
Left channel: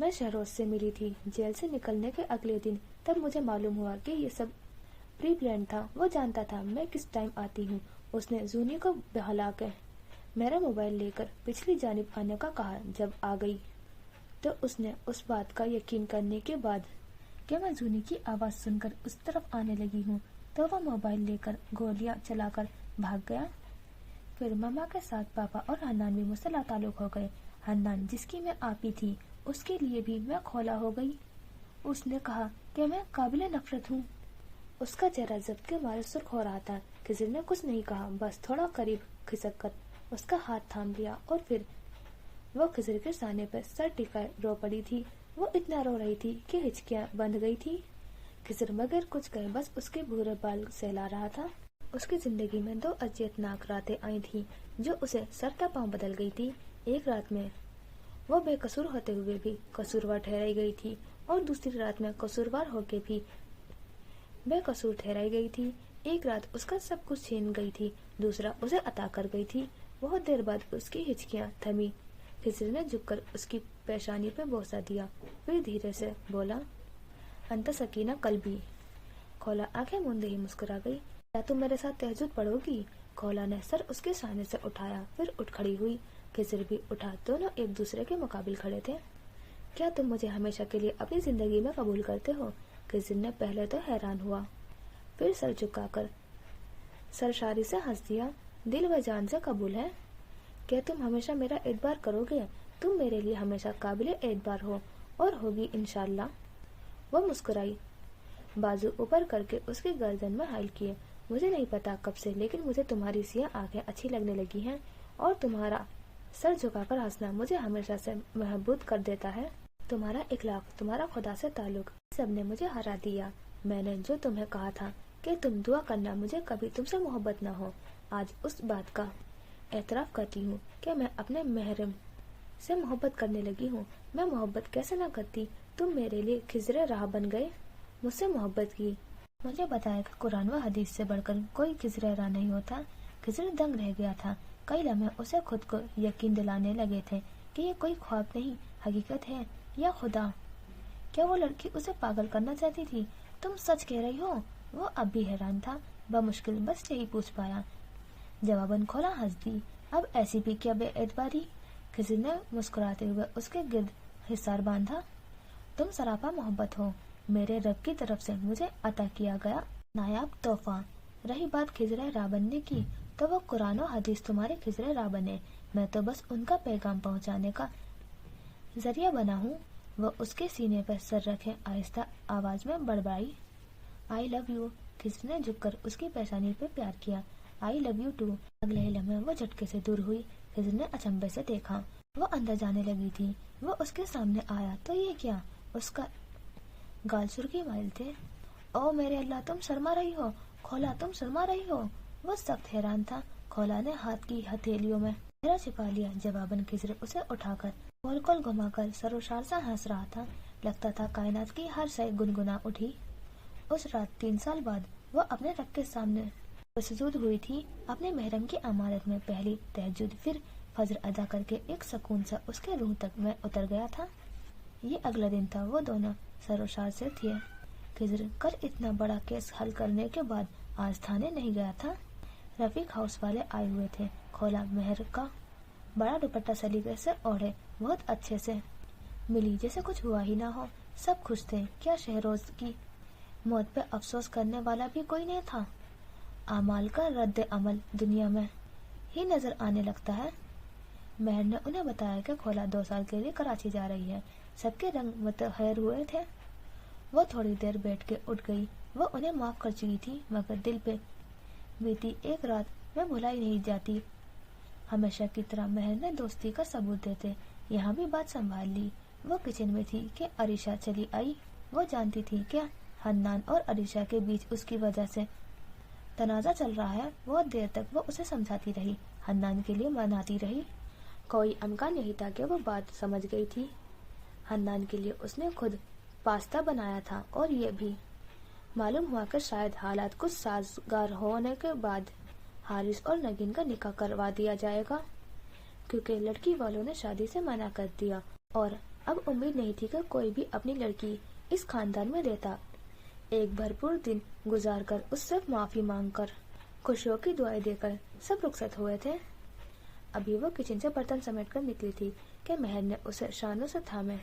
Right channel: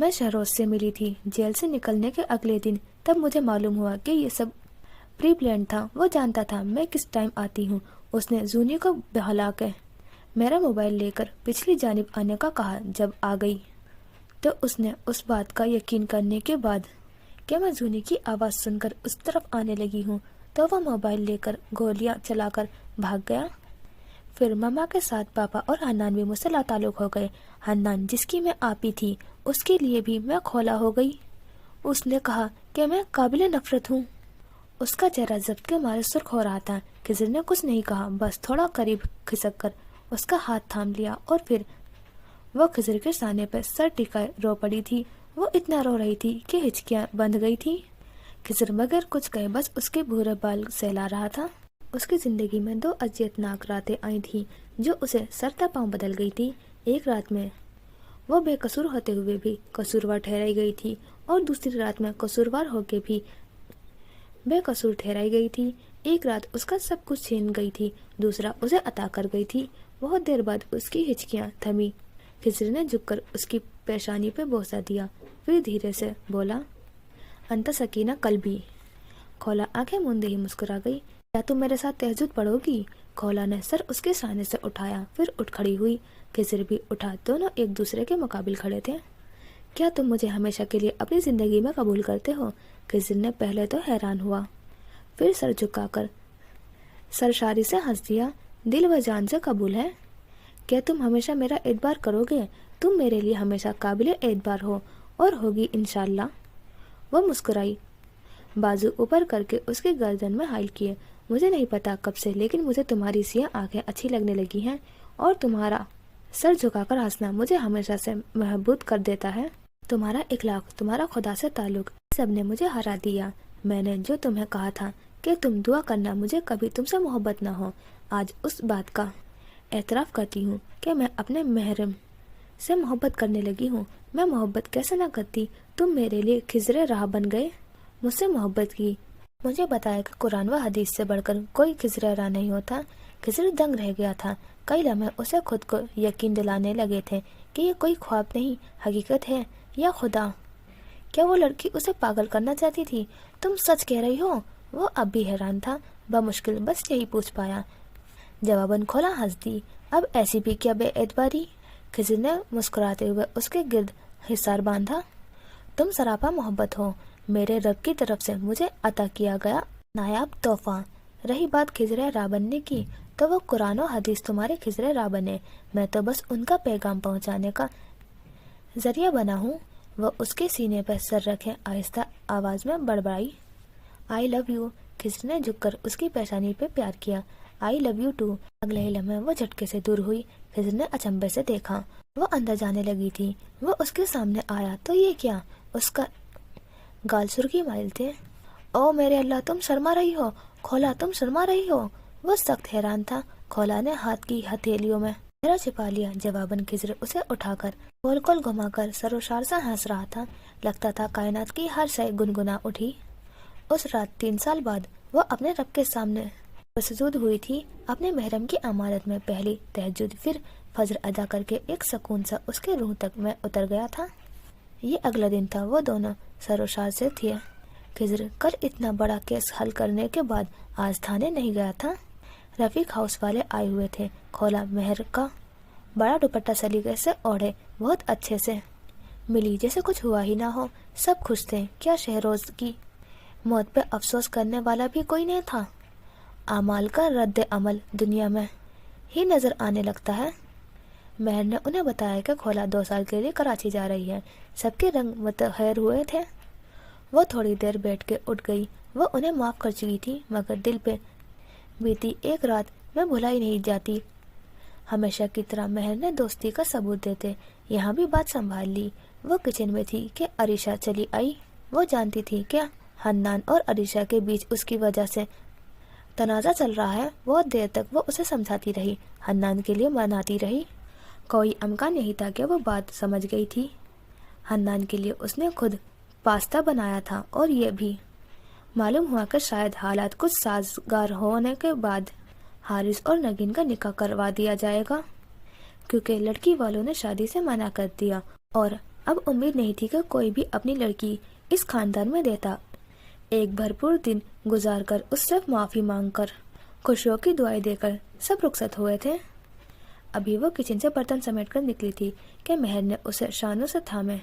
मैं शहरोज से मिली थी जेल से निकलने के अगले दिन। तब मुझे मालूम हुआ कि ये सब प्री प्लान था। वो जानता था मैं किस टाइम आती हूँ। उसने जूनी को बहला के मेरा मोबाइल लेकर पिछली जानिब आने का कहा। जब आ गई तो उसने उस बात का यकीन करने के बाद कि मैं जूनी की आवाज़ सुनकर उस तरफ आने लगी हूँ तो वह मोबाइल लेकर गोलियां चलाकर भाग गया। फिर मम्मा के साथ पापा और हन्नान भी मुझसे लाताल्लुक हो गए। हन्नान जिसकी मैं आपी थी उसके लिए भी मैं खोला हो गई। उसने कहा कि मैं काबिल नफरत हूँ। उसका चेहरा जब्त के मारे सुर्ख हो रहा था। खिज़र ने कुछ नहीं कहा, बस थोड़ा करीब खिसक कर उसका हाथ थाम लिया और फिर वो खिज़र के सामने पर सर टिकाए रो पड़ी थी। वो इतना रो रही थी कि हिचकियां बंध गई थी। खिज़र बगैर कुछ कहे बस उसके भूरे बाल सहला रहा था। उसकी जिंदगी में 2 अजियतनाक रातें आई थी जो उसे सरता पांव बदल गई थी। एक रात में वो बेकसूर होते हुए भी कसूरवार ठहराई गई थी और दूसरी रात में कसूरवार होके भी बेकसूर ठहराई गई थी। एक रात उसका सब कुछ छीन गई थी, दूसरा उसे अता कर गई थी। बहुत देर बाद उसकी हिचकियां थमी। खिज़र ने झुककर उसकी पेशानी पे बोसा दिया, फिर धीरे से बोला, अंता सकीना कल्बी। खोला आंखें मूंदे ही मुस्कुरा गई। क्या तुम मेरे साथ तहज्जुद पढ़ोगी? खोला ने सर उसके सामने से उठाया, फिर उठ खड़ी हुई। खिज़र भी उठा। दोनों एक दूसरे के मुकाबिल खड़े थे। क्या तुम मुझे हमेशा के लिए अपनी जिंदगी में कबूल करते हो? खिज़र ने पहले तो हैरान हुआ, फिर सर झुकाकर सरशारी से हंस दिया। दिल व जान से कबूल है। क्या तुम हमेशा मेरा एतबार करोगे? तुम मेरे लिए हमेशा काबिल एतबार हो और होगी इंशाल्लाह। वो मुस्कुराई, बाजू ऊपर करके उसके गर्दन में हाइल किए। मुझे नहीं पता कब से, लेकिन मुझे तुम्हारी सियाह आंखें अच्छी लगने लगी हैं और तुम्हारा सर झुकाकर हंसना मुझे हमेशा से महबूब कर देता है। तुम्हारा इखलाक, तुम्हारा खुदा से ताल्लुक, सब ने मुझे हरा दिया। मैंने जो तुम्हें कहा था कि तुम दुआ करना मुझे कभी तुमसे मोहब्बत ना हो, आज उस बात का एतराफ़ करती हूँ कि मैं अपने महरम से मोहब्बत करने लगी हूँ। मैं मोहब्बत कैसे ना करती? तुम मेरे लिए खिज़र राह बन गए, मुझसे मोहब्बत की। मुझे बताया कि कुरान व हदीस से बढ़कर कोई खिज़र राह नहीं होता। खिज़र दंग रह गया था। कई लम्हे उसे खुद को यकीन दिलाने लगे थे कि ये कोई ख्वाब नहीं, हकीकत है। या खुदा, क्या वो लड़की उसे पागल करना चाहती थी? तुम सच कह रही हो? वो अब भी हैरान था। बमुश्किल बस यही पूछ पाया। जवाबन खोला हंस दी। अब ऐसी भी क्या बेएतबारी? खिज़र ने मुस्कुराते हुए उसके गिर्द हिसार बांधा। तुम सरापा मोहब्बत हो, मेरे रब की तरफ से मुझे अता किया गया नायाब तोहफा। रही बात खिज़र राह बनने की, तो वो कुरान और हदीस तुम्हारे खिज़र राह बने। मैं तो बस उनका पैगाम पहुंचाने का जरिया बना हूँ। وہ اس کے سینے پر سر رکھے آہستہ آواز میں بڑبڑائی، آئی لو یو۔ خضر نے جھک کر اس کی پیشانی پہ پیار کیا، آئی لو یو ٹو۔ اگلے ہی لمحے وہ جھٹکے سے دور ہوئی۔ خضر نے اچنبے سے دیکھا، وہ اندر جانے لگی تھی۔ وہ اس کے سامنے آیا تو یہ کیا؟ اس کا گال سرخی مائل تھے۔ او میرے اللہ، تم شرما رہی ہو کھولا، تم شرما رہی ہو۔ وہ سخت حیران تھا۔ کھولا نے ہاتھ کی ہتھیلیوں میں چہرہ چھپا لیا۔ جواباً خضر اسے اٹھا کر گول گول گھما کر سروشار سا ہنس رہا تھا۔ لگتا تھا کائنات کی ہر شے گنگنا اٹھی۔ اس رات 3 سال بعد وہ اپنے رب کے سامنے مسجود ہوئی تھی، اپنے محرم کی امانت میں۔ پہلی تہجد، پھر فجر ادا کر کے ایک سکون سا اس کے روح تک میں اتر گیا تھا۔ یہ اگلا دن تھا، وہ دونوں سروشار سے تھے۔ خضر کل اتنا بڑا کیس حل کرنے کے بعد آج تھانے نہیں گیا تھا۔ رفیق ہاؤس والے آئے ہوئے تھے۔ کھولا مہر کا بڑا دوپٹہ سلیقے سے اوڑھے بہت اچھے سے ملی، جیسے کچھ ہوا ہی نہ ہو۔ سب خوش تھے۔ کیا شہروز کی موت پہ افسوس کرنے والا بھی کوئی نہیں تھا؟ اعمال کا رد عمل دنیا میں ہی نظر آنے لگتا ہے۔ مہر نے انہیں بتایا کہ کھولا 2 سال کے لیے کراچی جا رہی ہے۔ سب کے رنگ متحیر ہوئے تھے۔ وہ تھوڑی دیر بیٹھ کے اٹھ گئی۔ وہ انہیں معاف کر چکی تھی، مگر دل پہ بیتی ایک رات میں بھلائی نہیں جاتی۔ ہمیشہ کی طرح مہر نے دوستی کا ثبوت دیتے یہاں بھی بات سنبھال لی۔ وہ کچن میں تھی کہ عریشہ چلی آئی۔ وہ جانتی تھی کہ حنان اور عریشہ کے بیچ اس کی وجہ سے تنازع چل رہا ہے۔ بہت دیر تک وہ اسے سمجھاتی رہی، حنان کے لیے مناتی رہی۔ کوئی امکان نہیں تھا کہ وہ بات سمجھ گئی تھی۔ حنان کے لیے اس نے خود پاستا بنایا تھا، اور یہ بھی معلوم ہوا کہ شاید حالات کچھ سازگار ہونے کے بعد حارث اور نگین کا نکاح کروا دیا جائے گا، کیونکہ لڑکی والوں نے شادی سے منع کر دیا، اور اب امید نہیں تھی کہ کوئی بھی اپنی لڑکی اس خاندان میں دیتا۔ ایک بھرپور دن گزار کر، اس سے معافی مانگ کر، خوشیوں کی دعائیں دے کر سب رخصت ہوئے تھے۔ ابھی وہ کچن سے برتن سمیٹ کر نکلی تھی کہ مہر نے اسے شانوں سے تھامے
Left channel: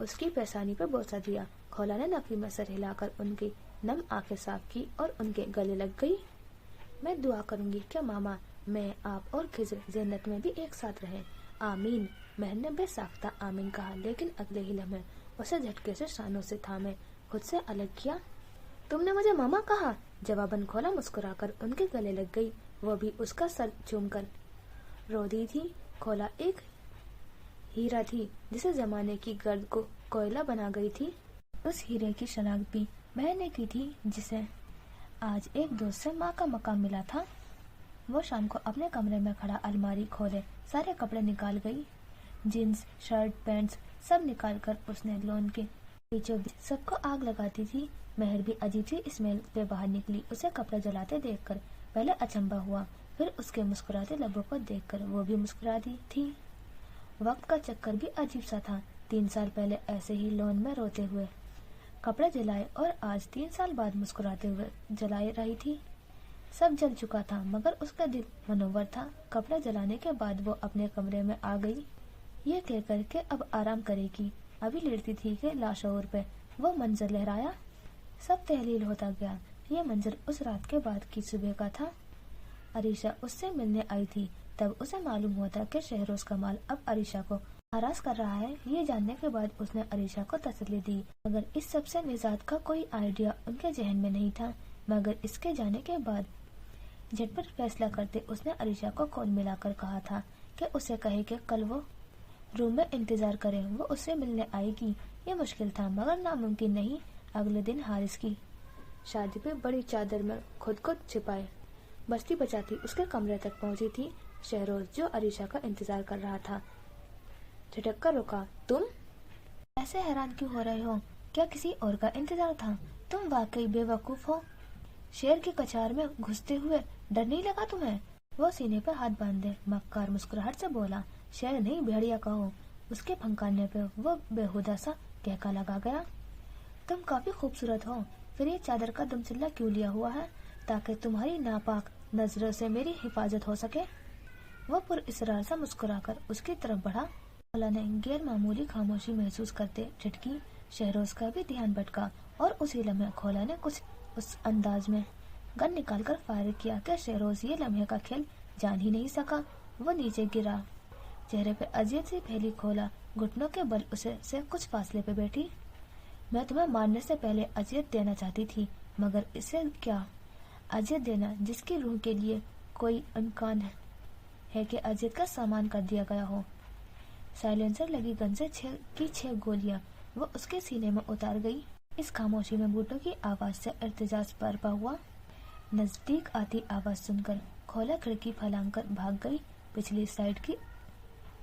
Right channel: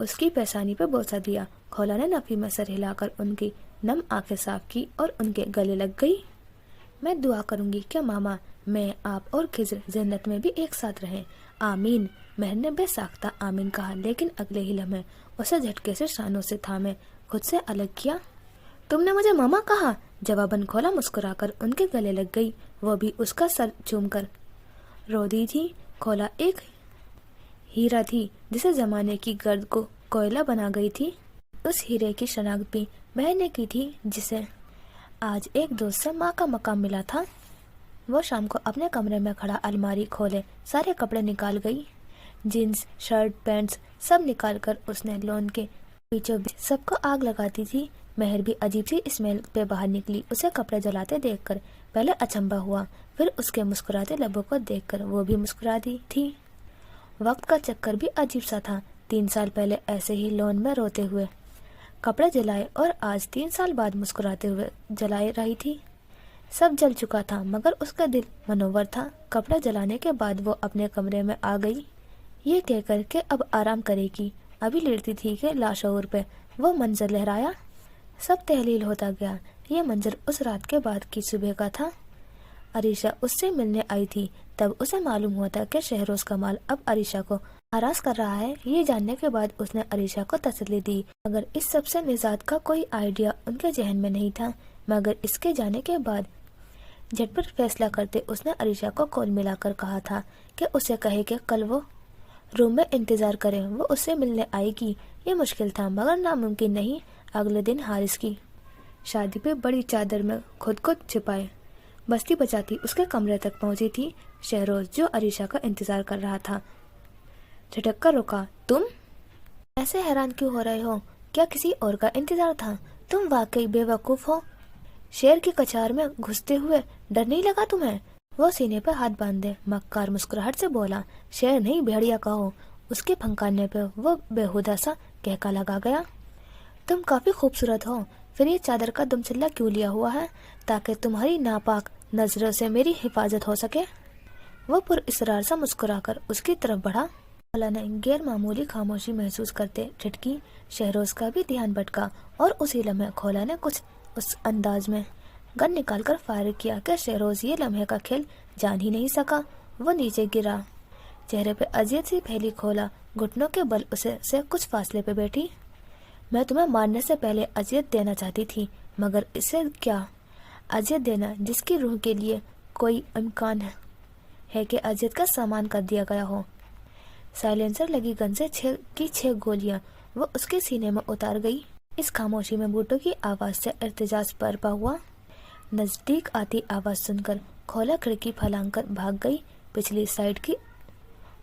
اس کی پیشانی پہ بوسہ دیا۔ کھولا نے نفی میں سر ہلا کر ان کی نم آنکھیں صاف کی اور ان کے گلے لگ گئی۔ میں دعا کروں گی کہ ماما، میں، آپ اور خضر جنت میں بھی ایک ساتھ رہیں۔ آمین۔ مہر نے بے ساختہ آمین کہا، لیکن اگلے ہی لمحے اسے جھٹکے سے شانوں سے تھامے خود سے الگ کیا۔ تم نے مجھے ماما کہا؟ جواباً کھولا مسکرا کر ان کے گلے لگ گئی۔ وہ بھی اس کا سر چوم کر رو دی تھی۔ کھولا ایک ہیرا تھی جسے زمانے کی گرد کو کوئلہ بنا گئی تھی۔ اس ہیرے کی شناخت بھی مہر نے کی تھی، جسے آج ایک دوست سے ماں کا مقام ملا تھا۔ وہ شام کو اپنے کمرے میں کھڑا الماری کھولے سارے کپڑے نکال گئی۔ جینز، شرٹ، پینٹس سب نکال کر اس نے لون کے بیچوں بیچ سب کو آگ لگاتی تھی۔ مہر بھی عجیب سی اسمیل پہ باہر نکلی۔ اسے کپڑے جلاتے دیکھ کر پہلے اچنبھا ہوا، پھر اس کے مسکراتے لبوں کو دیکھ کر وہ بھی مسکرا دی تھی۔ وقت کا چکر بھی عجیب سا تھا۔ 3 سال پہلے ایسے ہی لون میں روتے ہوئے کپڑے جلائے، اور آج 3 سال بعد مسکراتے ہوئے جلائے رہی تھی۔ سب جل چکا تھا، مگر اس کا دل منور تھا۔ کپڑے جلانے کے بعد وہ اپنے کمرے میں آ گئی، یہ کہہ کر کہ اب آرام کرے گی۔ ابھی لیٹتی تھی کہ لاشعور پہ وہ منظر لہرایا۔ سب تحلیل ہوتا گیا۔ یہ منظر اس رات کے بعد کی صبح کا تھا۔ عریشہ اس سے ملنے آئی تھی۔ تب اسے معلوم ہوا تھا کہ شہروز کمال اب عریشہ کو ہراس کر رہا ہے۔ یہ جاننے کے بعد اس نے عریشہ کو تسلی دی، مگر اس سب سے نجات کا کوئی آئیڈیا ان کے ذہن میں نہیں تھا۔ مگر اس کے جانے کے بعد جھٹ پٹ فیصلہ کرتے اس نے عریشہ کو کال ملا کر کہا تھا کہ اسے کہے کہ کل وہ روم میں انتظار کرے، وہ اس سے ملنے آئے گی۔ یہ مشکل تھا مگر ناممکن نہیں۔ اگلے دن حارث کی شادی پہ بڑی چادر میں خود کو چھپائے بستی بچاتی اس کے کمرے تک پہنچی تھی شہروز، جو عریشہ کا انتظار کر رہا تھا۔ جھٹک کر رکا۔ تم ایسے حیران کیوں ہو رہے ہو؟ کیا کسی اور کا انتظار تھا؟ تم واقعی بے وقوف ہو۔ شیر کی کچار میں گھستے ہوئے ڈر نہیں لگا تمہیں؟ وہ سینے پہ ہاتھ باندھے مکار مسکراہٹ سے بولا۔ شیر نہیں، بھیڑیا کہو۔ اس کے پھنکانے پہ وہ بےہودہ سا کہکا لگا گیا۔ تم کافی خوبصورت ہو، پھر یہ چادر کا دم چلا کیوں لیا ہوا ہے؟ تاکہ تمہاری ناپاک نظروں سے میری حفاظت ہو سکے۔ وہ پر اصرار سا مسکرا کر اس کی طرف بڑھا۔ کھولا نے غیر معمولی خاموشی محسوس کرتے جھٹکی۔ شہروز کا بھی دھیان بھٹکا، اور اسی لمحے کھولا نے کچھ اس انداز میں گن نکال کر فائر کیا کہ شہروز یہ لمحے کا کھیل جان ہی نہیں سکا۔ وہ نیچے گرا، चेहरे पे अजीब सी पहली खोला, घुटनों के बल उसे से कुछ फासले पे बैठी। मैं तुम्हें मारने से पहले अजियत देना चाहती थी, मगर इससे क्या अजियत देना जिसकी रूह के लिए कोई इम्कान है कि अजियत का सामान कर दिया गया हो। साइलेंसर लगी गन से 6 गोलियां वो उसके सीने में उतार गई। इस खामोशी में बूटों की आवाज से इर्तिजाज बरपा हुआ। नजदीक आती आवाज सुनकर खोला खिड़की फलांग कर भाग गई। पिछली साइड की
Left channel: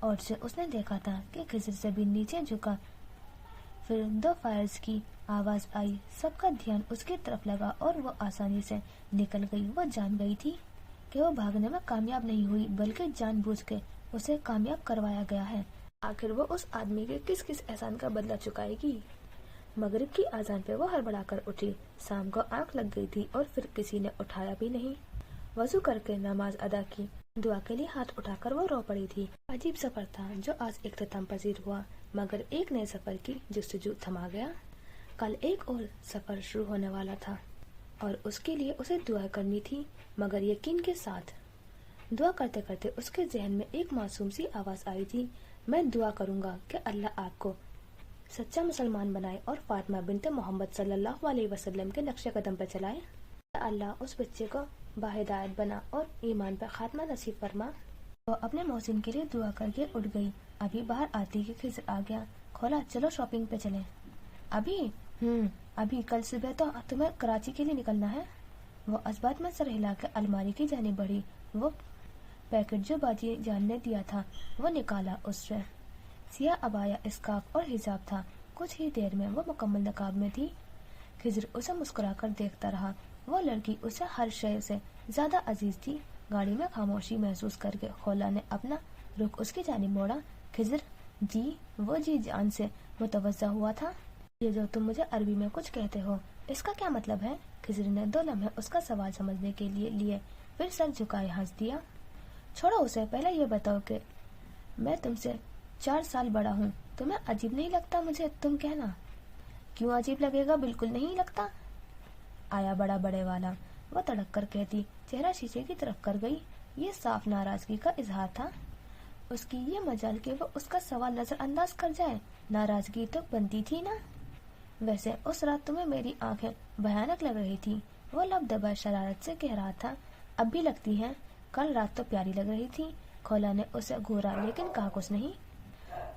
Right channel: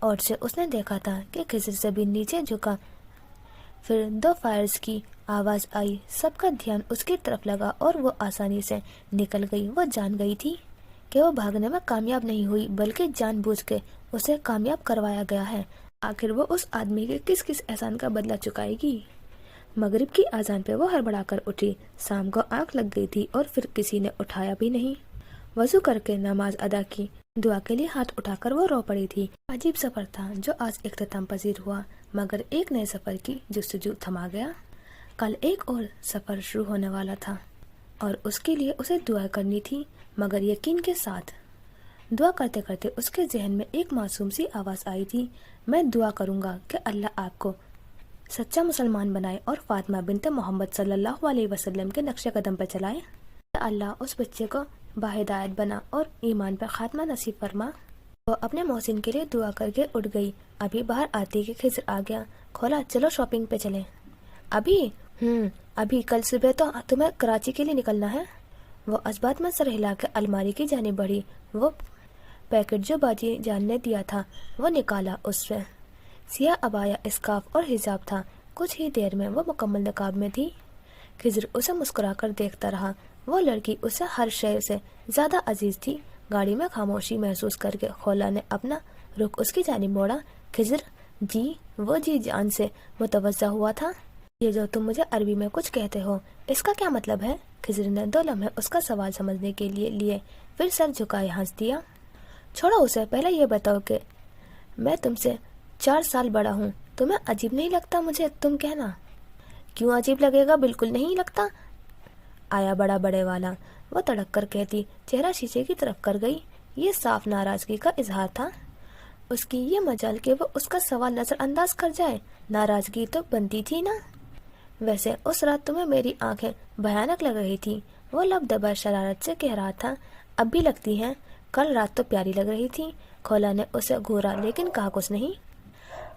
ओर से उसने देखा था कि खिजर से भी नीचे झुका। फिर 2 फायर्स की आवाज आई, सबका ध्यान उसकी तरफ लगा और वो आसानी से निकल गई। वो जान गई थी कि वो भागने में कामयाब नहीं हुई, बल्कि जानबूझ के उसे कामयाब करवाया गया है। आखिर वो उस आदमी के किस किस एहसान का बदला चुकाएगी। मगरिब की आजान पे वो हड़बड़ाकर उठी। शाम को आंख लग गई थी और फिर किसी ने उठाया भी नहीं। वजू करके नमाज अदा की, दुआ के लिए हाथ उठाकर वो रो पड़ी थी। अजीब सफर था जो आज इख्तिताम पजीर हुआ, मगर एक नए सफर की जुस्तजू थमा गया। कल एक और सफर शुरू होने वाला था और उसके लिए उसे दुआ करनी थी, मगर यकीन के साथ। दुआ करते करते उसके जहन में एक मासूम सी आवाज आई थी, मैं दुआ करूंगा कि अल्लाह आपको सच्चा मुसलमान बनाए और फातिमा बिनत मोहम्मद सल्लल्लाहु अलैहि वसल्लम के नक्शे कदम पर चलाए। अल्लाह उस बच्चे को बाहिदायत बना और ईमान पर खात्मा नसीब फरमा। वो अपने मोहसिन के लिए दुआ करके उठ गई। अभी बाहर आती कि खिजर आ गया। खोला, चलो शॉपिंग पे चले। अभी अभी कल सुबह तो तुम्हें कराची के लिए निकलना है। वो असबात में सर हिला के अलमारी की जाने बढ़ी। वो पैकेट जो बाजी जान ने दिया था वो निकाला। उससे सिया अबाया, स्कार्फ और हिजाब था। कुछ ही देर में वो मुकम्मल नकाब में थी। खिजर उसे मुस्कुराकर देखता रहा। वो लड़की उसे हर शय से ज्यादा अजीज थी। गाड़ी में खामोशी महसूस करके खोला ने अपना रुख उसकी जानिब मोड़ा। खिजर, जी? वो जी जान से मुतवज्जा हुआ था। ये जो तुम मुझे अरबी में कुछ कहते हो, इसका क्या मतलब है? खिजर ने 2 लम्हे उसका सवाल समझने के लिए फिर सर झुकाए हंस दिया। छोड़ो उसे, पहले ये बताओ कि मैं तुमसे 4 साल बड़ा हूँ। तुम्हें अजीब नहीं लगता मुझे तुम कहना? क्यों अजीब लगेगा, बिल्कुल नहीं लगता। आया बड़ा बड़े वाला, वो तड़क कर कहती। चेहरा शीशे की तरफ कर गई। ये साफ नाराजगी का इजहार था। उसकी ये मजाल कि वो उसका सवाल नजरअंदाज कर जाए। नाराजगी तो बनती थी ना। वैसे उस रात तुम्हें मेरी आंखें भयानक लग रही थी, वो लब दबा शरारत से कह रहा था। अब भी लगती हैं, कल रात तो प्यारी लग रही थी। खोला ने उसे घूरा लेकिन कहा कुछ नहीं।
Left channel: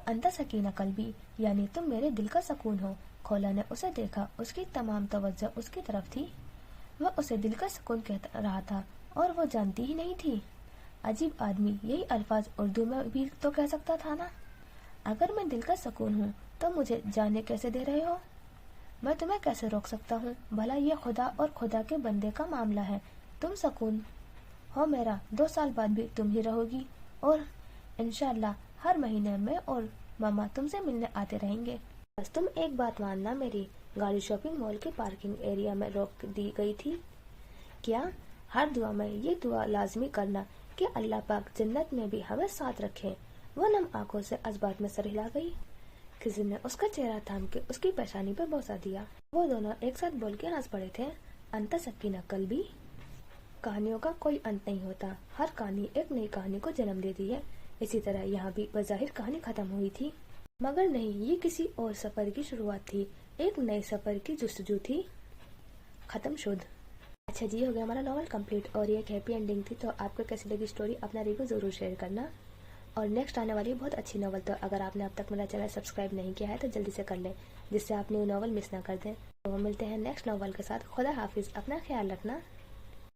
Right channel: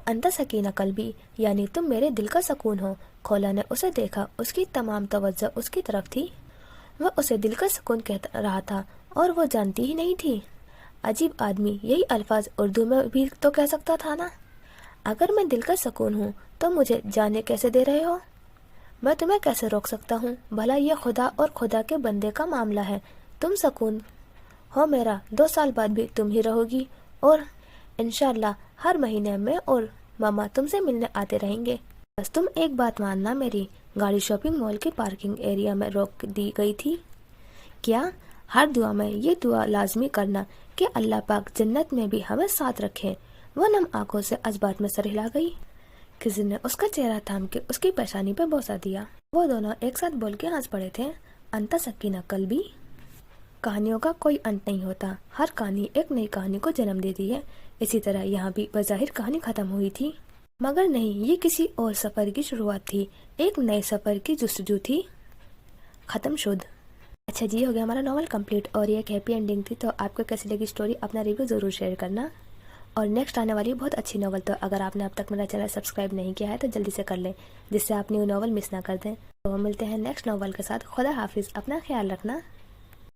अंता सकीना कल्बी, यानी तुम मेरे दिल का सुकून हो। खोला ने उसे देखा। उसकी तमाम तवज्जो उसकी तरफ थी। वह उसे दिल का सुकून कह रहा था और वो जानती ही नहीं थी। अजीब आदमी, यही अल्फाज उर्दू में भी तो कह सकता था ना। अगर मैं दिल का सुकून हूँ तो मुझे जाने कैसे दे रहे हो? मैं तुम्हें कैसे रोक सकता हूँ? भला ये खुदा और खुदा के बंदे का मामला है। तुम सुकून हो मेरा, 2 साल बाद भी तुम ही रहोगी और इंशाल्लाह हर महीने में और मामा तुमसे मिलने आते रहेंगे। बस तुम एक बात मानना मेरी। गाड़ी शॉपिंग मॉल के पार्किंग एरिया में रोक दी गई थी। क्या? हर दुआ में ये दुआ लाजमी करना कि अल्लाह पाक जन्नत में भी हमें साथ रखे। वो नम आंखों से असबात में सर हिला गई। किसी ने उसका चेहरा थाम के उसकी पेशानी पे बोसा दिया। वो दोनों एक साथ बोल के हंस पड़े थे। अंता सकीना कल्बी, कहानियों का कोई अंत नहीं होता। हर कहानी एक नई कहानी को जन्म देती है। इसी तरह यहाँ भी बज़ाहिर कहानी खत्म हुई थी, मगर नहीं, ये किसी और सफर की शुरुआत थी। एक नए सफर की जुस्तजू थी। खत्म शुद। अच्छा जी, हो गया हमारा नॉवल कंप्लीट और ये एक हैप्पी एंडिंग थी। तो आपको कैसी लगी स्टोरी, अपना रिव्यू ज़रूर शेयर करना। और नेक्स्ट आने वाली बहुत अच्छी नॉवल, तो अगर आपने अब तक मेरा चैनल सब्सक्राइब नहीं किया है तो जल्दी से कर लें, जिससे आप न्यू नॉवल मिस ना कर दें। तो मिलते हैं नेक्स्ट नॉवल के साथ। खुदा हाफिज़, अपना ख्याल रखना।